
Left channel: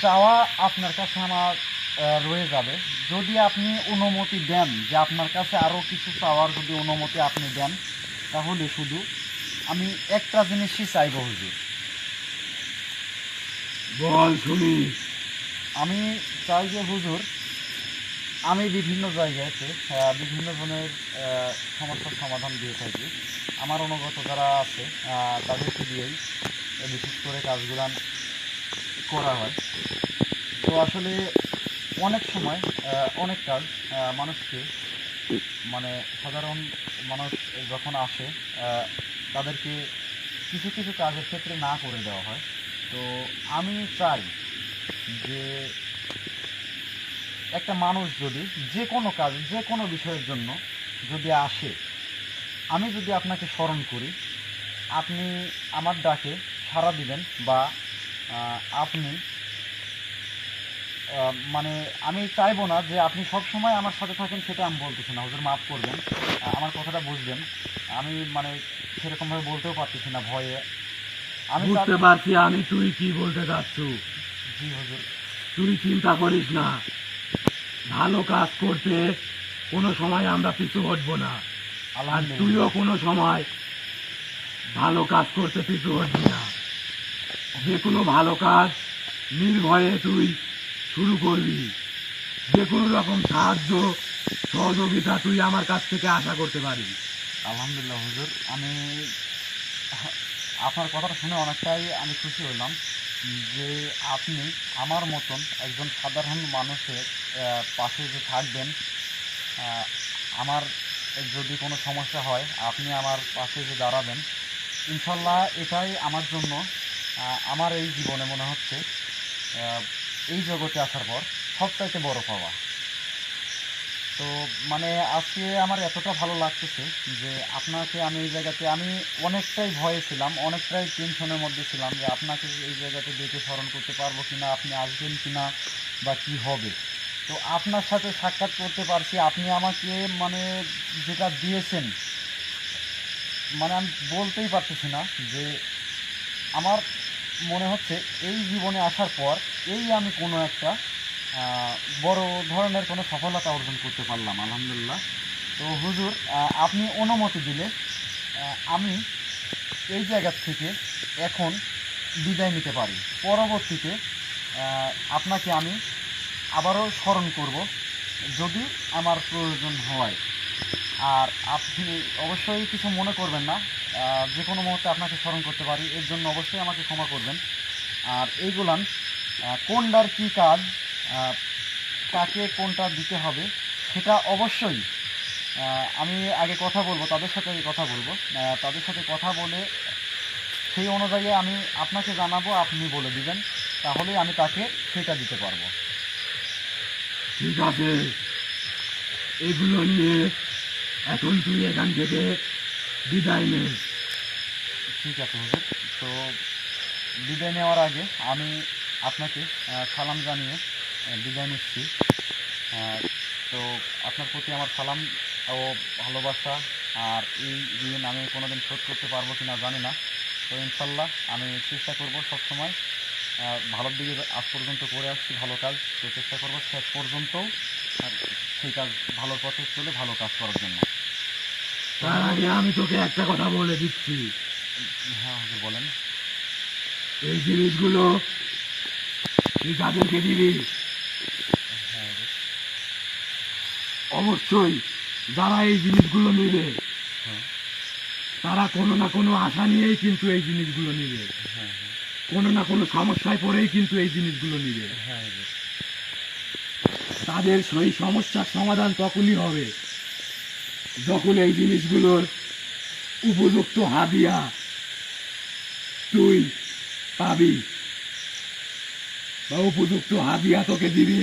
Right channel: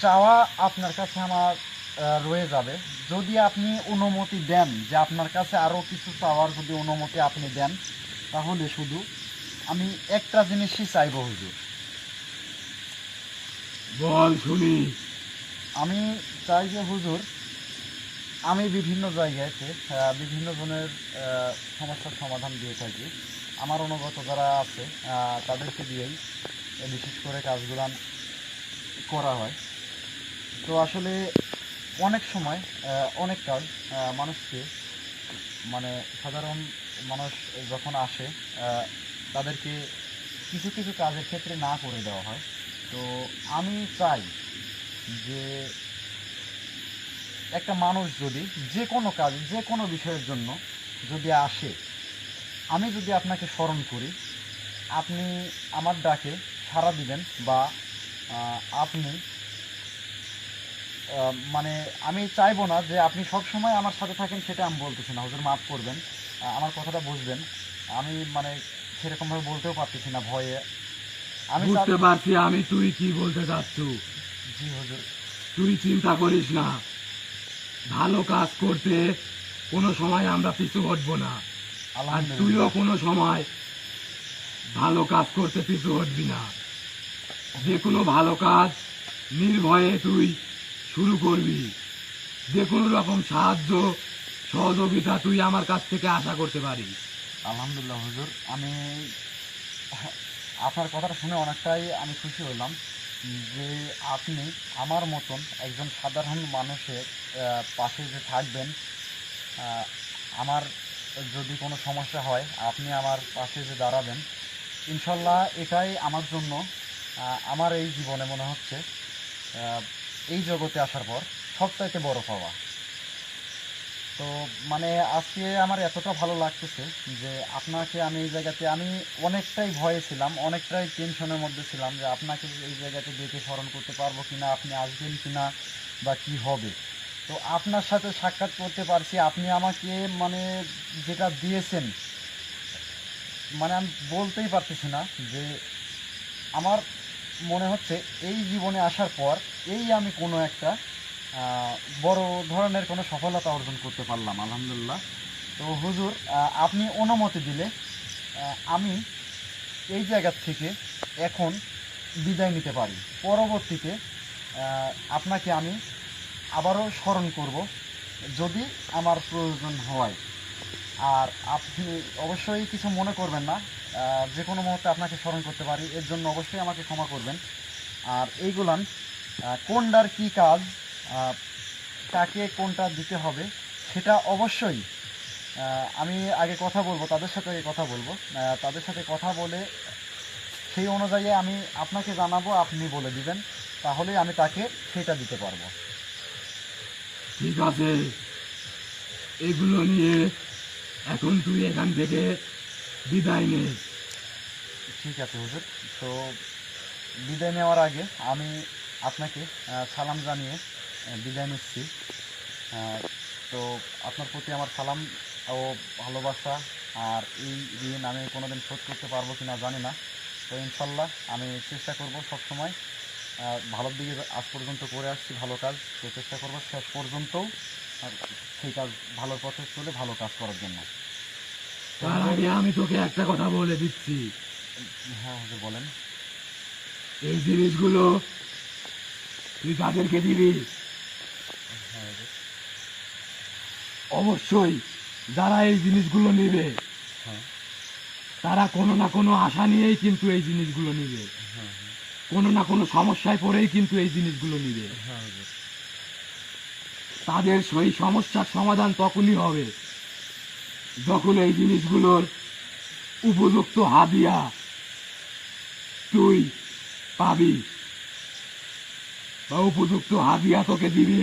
চাওয়া আপনার কাছে আমার রয়ে যাবে, যদি আপনি অনুমতি দেন যে আপনার কাছে আরও কিছু চাওয়ার যদি অনুমতি আপনি দেন, তাহলে শুধু আমি একটা জিনিসই চাইব হুজুর। বল শুনি। আমি চাই যে হুজুর, আমি বিভিন্ন জায়গাতে বিভিন্ন জনের সমস্যার সমাধান দিয়ে থাকি। আমার অনুগত যারা আছে তাদেরকে দিয়েই বিশেষ করে কাজগুলো করা হয়। তো আসলে অনেক সময় অনেক কাজ মানুষকে, মানে সাধারণ মানুষ যখন আসে তাদেরকে কিছু কিছু কাজের ক্ষেত্রে না করে দেওয়া হয়। তো আমি চাই যে একটা মানুষ যদি যে কোনো কাজ, যে কোনো বিষয়ের জন্য যদি আসে, আমি যদি আপনাকে স্মরণ করি, আপনি আমার ডাকে সাড়া দিবেন, বা আপনি মানে আমি চাইবো না যে আপনি সব সময় আমার সাথে থাকেন, সেটা আমি বলতেছি না হুজুর, মাফ করবেন, আমার কথাটা বুঝবেন। আমি মানে সেরকমভাবে বলতেও পারতেছি না ভয়ে। আমি বুঝতে পারছি আমি তুই কি বলতে চাচ্ছ। জি হুজুর। তুই চিন্তা করিস না, ভালো কাজ করতে কোনো সময় আমরা পিছু হটবো না। আর আলহামদুলিল্লাহ। তুইও কোনো সময় ভালো কাজ করতে পিছু হটবি না। যে কোনো ভালো কাজ নির্ভয়ে তুই শুরু করবি। যে কোনো রকম সাহায্য সহযোগিতা তুই আমার কাছ থেকে আশা করতে পারিস। আলহামদুলিল্লাহ হুজুর, আমি আপনার কথাটা শুনে অনেকটাই আমি খুশি হলাম যে আপনি আমার মতন একজন সাধারণ মানুষের পাশে যে থাকবেন। আমার যদি কোনো সমস্যা হয় আপনি আমার পাশে যে দাঁড়াবেন, ইনশাল্লাহ এটাই আমার জন্য আমার এই জীবনে মনে হচ্ছে এই জগতে আসার পর সবচাইতে বড় পাওয়া। তো মানে আজকে আমার এতটা ভালো লাগতেছে যে আপনাকে আমি এই জায়গাতে, আমি অনেকটাই ভয়ে ছিলাম, অনেকটাই টেনশনের মধ্যে ছিলাম যে আপনাকে এই জায়গাতে দেখে স্মরণ করতে পারবো কিনা, আপনি আসবেন কিনা, বা কি হবে। তো আপনার সাথে সাক্ষাৎ করতে পারছি, আপনি আমাকে মানে যেটা দিয়েছেন, মানে আমি বলতেই পারতেছি না যে আমার মনে হচ্ছে এই জীবনে আসার পর এই আমি কোনো একটা বড় ধরনের কোনো সফলতা অর্জন করতে পারলাম, আলহামদুলিল্লাহ। তো হুজুর, আপনি অনুমতি দিলে আমি এই জায়গা থেকে এখন বিদায় নিতে পারি। পরবর্তীতে আপনাকে আমি আবারও স্মরণ করব যদি আমার প্রয়োজন হয়। আর আপনি অবশ্যই কিছু মনে করবেন না, যে কোনো মুহূর্তে আপনাকে স্মরণ করতে পারি, এর জন্য অবশ্যই আমাকে ক্ষমা করবেন। আর এইগুলান কোনটার কী কাজ, কাকে কোনটা দিতে হবে, সেটা অবশ্যই আমি আগে কথা বলবো, তাদের সাথে আগে কথা বলবো, তাদের সাথে কথা বলে সেই অনুযায়ী আমি আপনাকে জানাবো, আপনি বলে দিবেন, তাহলেই আমি তাকে সেটা দিতে পারবো। ঠিক আছে, এগুলো নিয়ে এখন তুই এখান থেকে বিদায় নে। ঠিক আছে হুজুর। তো বিদায় নেওয়ার আগে আমি আপনাকে সালাম জানিয়ে বিদায় নিচ্ছি। তো আপনার প্রতি আমার সালাম ও ভালোবাসা, আর এই ঋণ আমি কোনোদিন শোধ করতে পারবো কিনা জানি না। তো ইনশাল্লাহ আমি চেষ্টা করব সবসময় ভালোর দিকে, আজ পর্যন্ত করে আসছি ভালো কাজ, তো চেষ্টা করব শেষ পর্যন্তও সেই কাজ ভালোর পথে চলে ভালো কাজ করার জন্য। তার আগে আমি তোকে একটা কথা বলে দিচ্ছি, হ্যাঁ হুজুর বলেন। এই জিনিসগুলো তুই যাদেরকে দিবি হ্যাঁ হুজুর। অবশ্যই যারা এই জিনিসগুলো নেবে হ্যাঁ তারা কোনো না কোনো আশা নিয়েই কিন্তু এই জিনিসগুলো নেবে, হ্যাঁ কোনো না কোনো সমস্যায় পড়েই কিন্তু এই জিনিসগুলো নেবে। হ্যাঁ হুজুর। তাদের সেই সমস্যার সমাধান তখনই হবে যখন এই জিনিসগুলোর উপযুক্ত হাদিয়া তুই পাবি, বা উপযুক্ত হাদিয়া তোকে দিবে।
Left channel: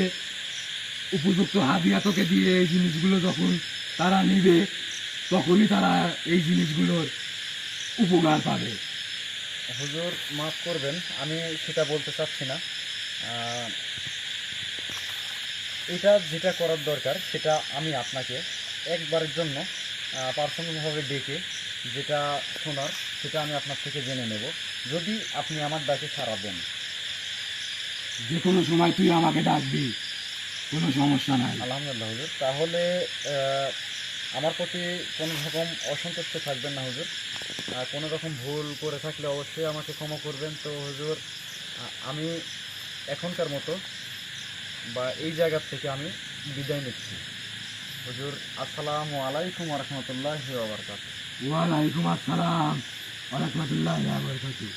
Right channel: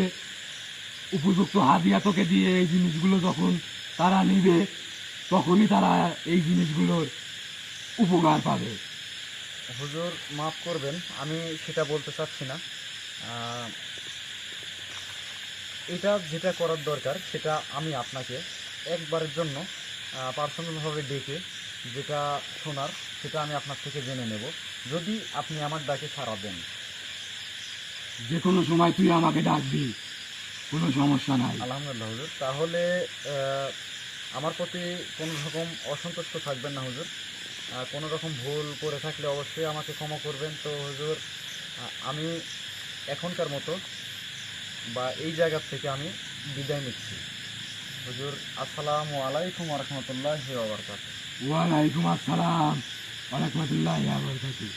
উপযুক্ত হাদিয়া তোকে দিয়ে এই জিনিসগুলো যখন তারা নিবে, তখনই তারা এই জিনিসগুলোর উপকার পাবে। হুজুর মাফ করবেন, আমি সেটা বলতে চাচ্ছি না। এটা যেটা করার দরকার সেটা আমি আপনাকে একবারের জন্য পার্সোনালভাবে ডেকে যেটা শোনার সেটা আমি আপনার থেকে জেনে নেব, যদি আপনি আমার ডাকে সাড়া দেন। যে কোনো সময় তুই আমাকে ডাকবি, কোনো সমস্যা নাই। আলহামদুলিল্লাহ হুজুর। তাহলে আমার প্রতি কোনো রকম অসন্তুষ্ট থাকবেন না হুজুর। কোনো রকম ভুল করে থাকলে অবশ্যই আমাকে ক্ষমা করবেন। তো হুজুর, আমি এখনকার মতো বা এই জায়গার থেকে আমি বিদায় নিচ্ছি। হুজুর, আসসালামু আলাইকুম ওয়া রাহমাতুল্লাহি ওয়া বারাকাতুহু। ওয়ালাইকুম আসসালাম ওয়া রাহমাতুল্লাহি ওয়া বারাকাতুহু।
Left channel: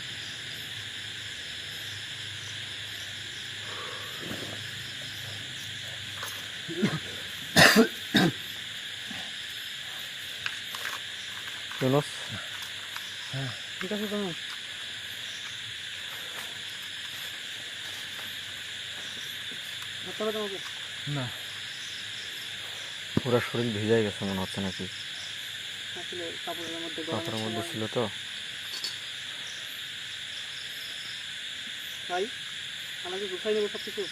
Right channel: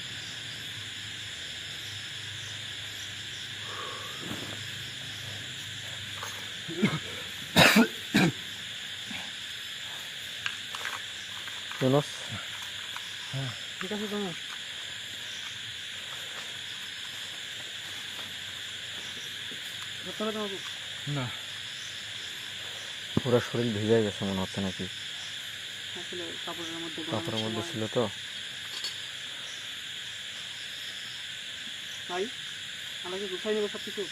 ইউনুস, ঠিক আছে তোমার? না, পুরো শরীর ভিজে গেছে মনে হচ্ছে নাকি? আসলে কাপড়ের মধ্যে কাপড়ের মধ্যে ছিল তো। ভাই আমাকে গুছাই নেবো সব কিছু।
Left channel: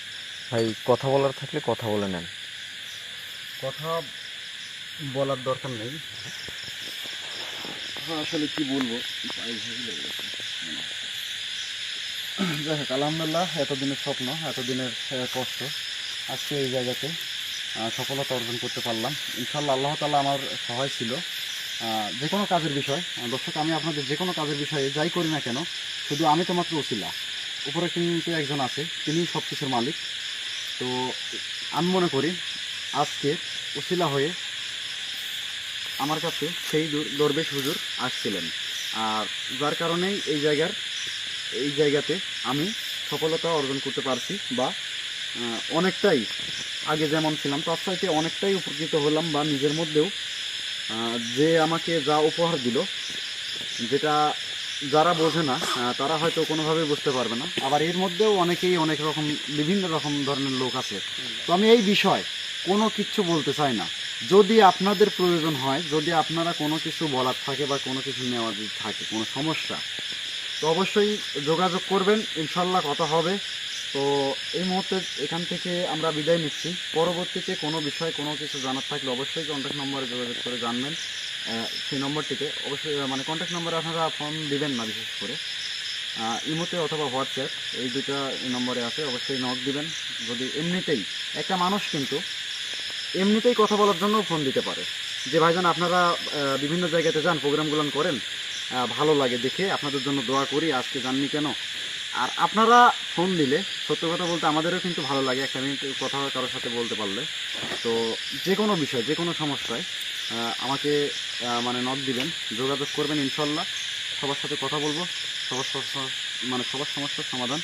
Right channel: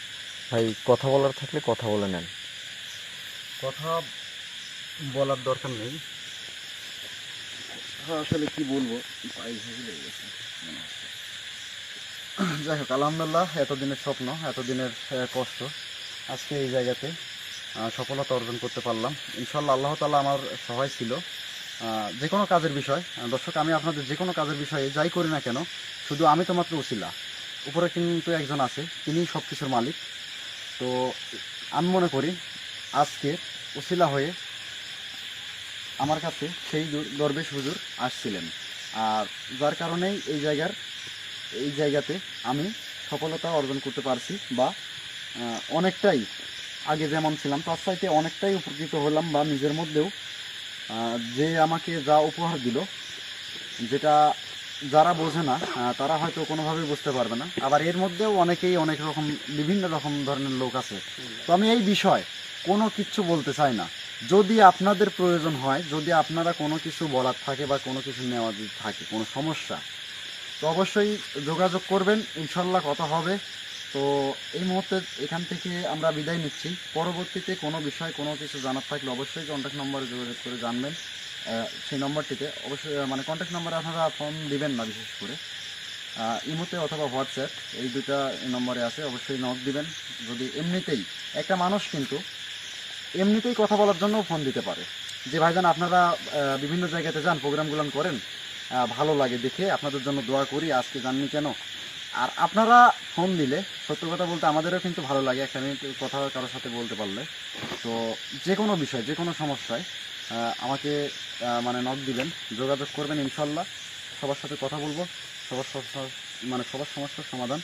ভাই কথা বলার থাকলে কথা বলে নেন। কথা বলার দরকার নেই। হ্যাঁ, আসলে কি বলবো, পায়ে ঘেঁষে লেগে গেছে মনে হচ্ছে। যাই হোক, আলহামদুলিল্লাহ, এতদিনের স্বপ্ন, এতদিনের কষ্ট, আজকে এই জায়গাতে সফলতা অর্জন করতে পারলাম। ইনশাল্লাহ আল্লাহ তাআলা আমার সহায় ছিল। যে কোনো কাজের বিষয়, দর্শক, আমি আপনাদের যে কোনো কাজের বিষয়ে যাই করি না কেন, শুধু আমি তো মাত্র ওসিলা, উপরে কিন্তু একজন আছে, তিনি সব কিছুর মালিক। তো আমি মনে করি আজকে ওসিলা হয়ে আমার কাছে সেই দরবেশ হুজুর আসছিলেন, আর যার কারণেই এই জায়গাতে আমি সফলতা অর্জন করতে পারছি, বা অনেকটাই আগে যেমন ছিলাম তার চাইতে অনেকটাই উপকৃত হলাম, বা নিজের মধ্যেও যে আমাকে যা উপহার দিল, যেটা যারা বোঝে না তারা হয়তো কোনোভাবেই বুঝতে পারবে না। আবার এর মধ্যেও অনেকেই অনেক রকম বিভিন্ন রকম ধরনের লোক আছে। তো আমি এই বিষয় কোনো কিছু বলতে চাই না। যদি আপনাদের প্রয়োজন হয়, যদি আপনারা কোনো কিছু বলার থাকে বা কোনো কিছু নেওয়ার থাকে, কোনো সমস্যা, তো অবশ্যই যোগাযোগ করবেন, ইনশাল্লাহ কথা হবে। তো এই মুহূর্তে এখান থেকে আমরা বিদায় নিচ্ছি। পরবর্তীতে কোনো বিষয় কোনো কিছু জানার থাকলে অবশ্যই কন্ট্যাক্ট নম্বরে যোগাযোগ করে জানবেন। সেই নম্বরটিতে অবশ্যই, মানে কন্ট্যাক্ট নম্বরে আপনারা ফোন দিবেন না, বিশেষ করে ইমোতে অথবা হোয়াটসঅ্যাপ, এই দুটো নম্বরে আছে, অবশ্যই নক দিবেন। যদি এমনিতেই একটা মানুষ কিন্তু এমনিতেই কথা বলার জন্য ফোন দিতে পারে, যে ভাইজান আপনারা বিভিন্ন জায়গাতে যান, প্রোগ্রামগুলো করেন, ভালো লাগে দেখে, আপনাদের জন্য দোয়া করি, আজকে জাননি কেন। আর আপনারা ফোন দিলে, সত্য কথা বলতে আমাদেরও কিন্তু ভালো লাগে একটা মিনিট কথা কারোর সাথে বলতে পারলে। তো যে কোনো বিষয়, যে কোনো সমস্যায় আমাকে মানে নক দিবেন, যোগাযোগ করবেন, ইনশাল্লাহ সবার সাথে কথা বলবো, সবার সমস্যার সমাধান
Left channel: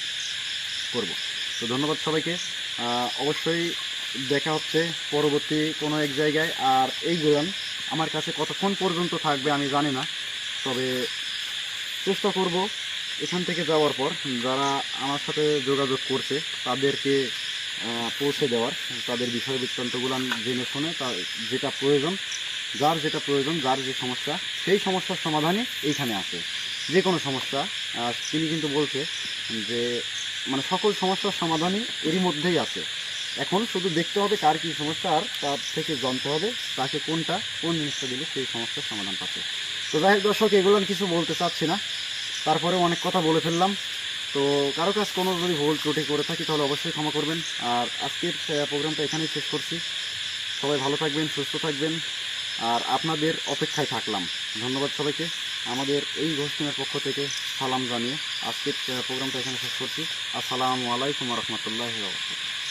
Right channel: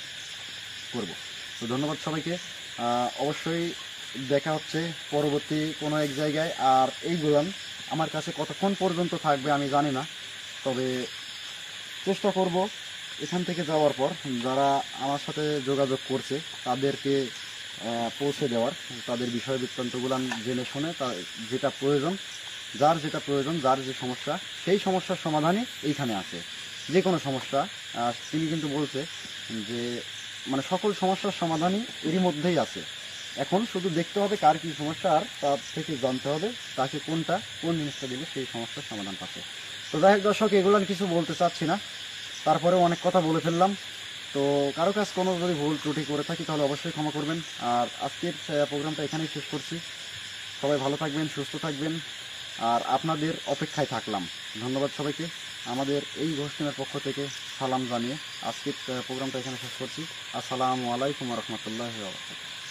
করব। তো ধন্যবাদ সবাইকে। অবশ্যই দেখা হচ্ছে পরবর্তী কোনো এক জায়গায়। আর এই গান আমার কাছে কতক্ষণ পর্যন্ত থাকবে আমি জানি না, তবে চেষ্টা করব এখান থেকে যাওয়ার পর যারা আমার সাথে যোগাযোগ করছে তাদেরকে পৌঁছে দেওয়ার, তাদের বিষয় বৃত্তান্তগুলো জেনে শুনে যেটা প্রয়োজন, যার যেটা প্রয়োজন, যার যে সমস্যা, সেই সমস্যার সমাধানই এইখানে আছে। যে কোনো সমস্যা তিনি কিন্তু বলছে যে মানে সকল সমস্যার সমাধানই এরই মধ্যেই আছে। এখন শুধু দেখতে হবে কার কী সমস্যা, আর তার থেকে জানতে হবে তাকে কোন জিনিসটা দিলে সেই সমস্যার সমাধান পাচ্ছে। তো যাই হোক দর্শক, এগুলো আমি কিছু বলতে চাচ্ছি না, তারপরেও অনেক কথা বলে ফেললাম। তো কারো কাছে কোনো যদি ভুল ত্রুটি করে থাকি তাহলে অবশ্যই ক্ষমা করবেন। আর আজকের প্রোগ্রামটা এখানেই শেষ করছি। সবাই ভালো থাকবেন, সুস্থ থাকবেন, আর আপনাদের অপেক্ষায় থাকলাম। ধন্যবাদ সবাইকে। আমাদের এই ঘোষণার পক্ষ থেকে সালাম জানিয়ে আজকের প্রোগ্রামটা এখানে শেষ করছি। আসসালামু আলাইকুম ওয়া রাহমাতুল্লাহি ওয়া বারাকাতুহু।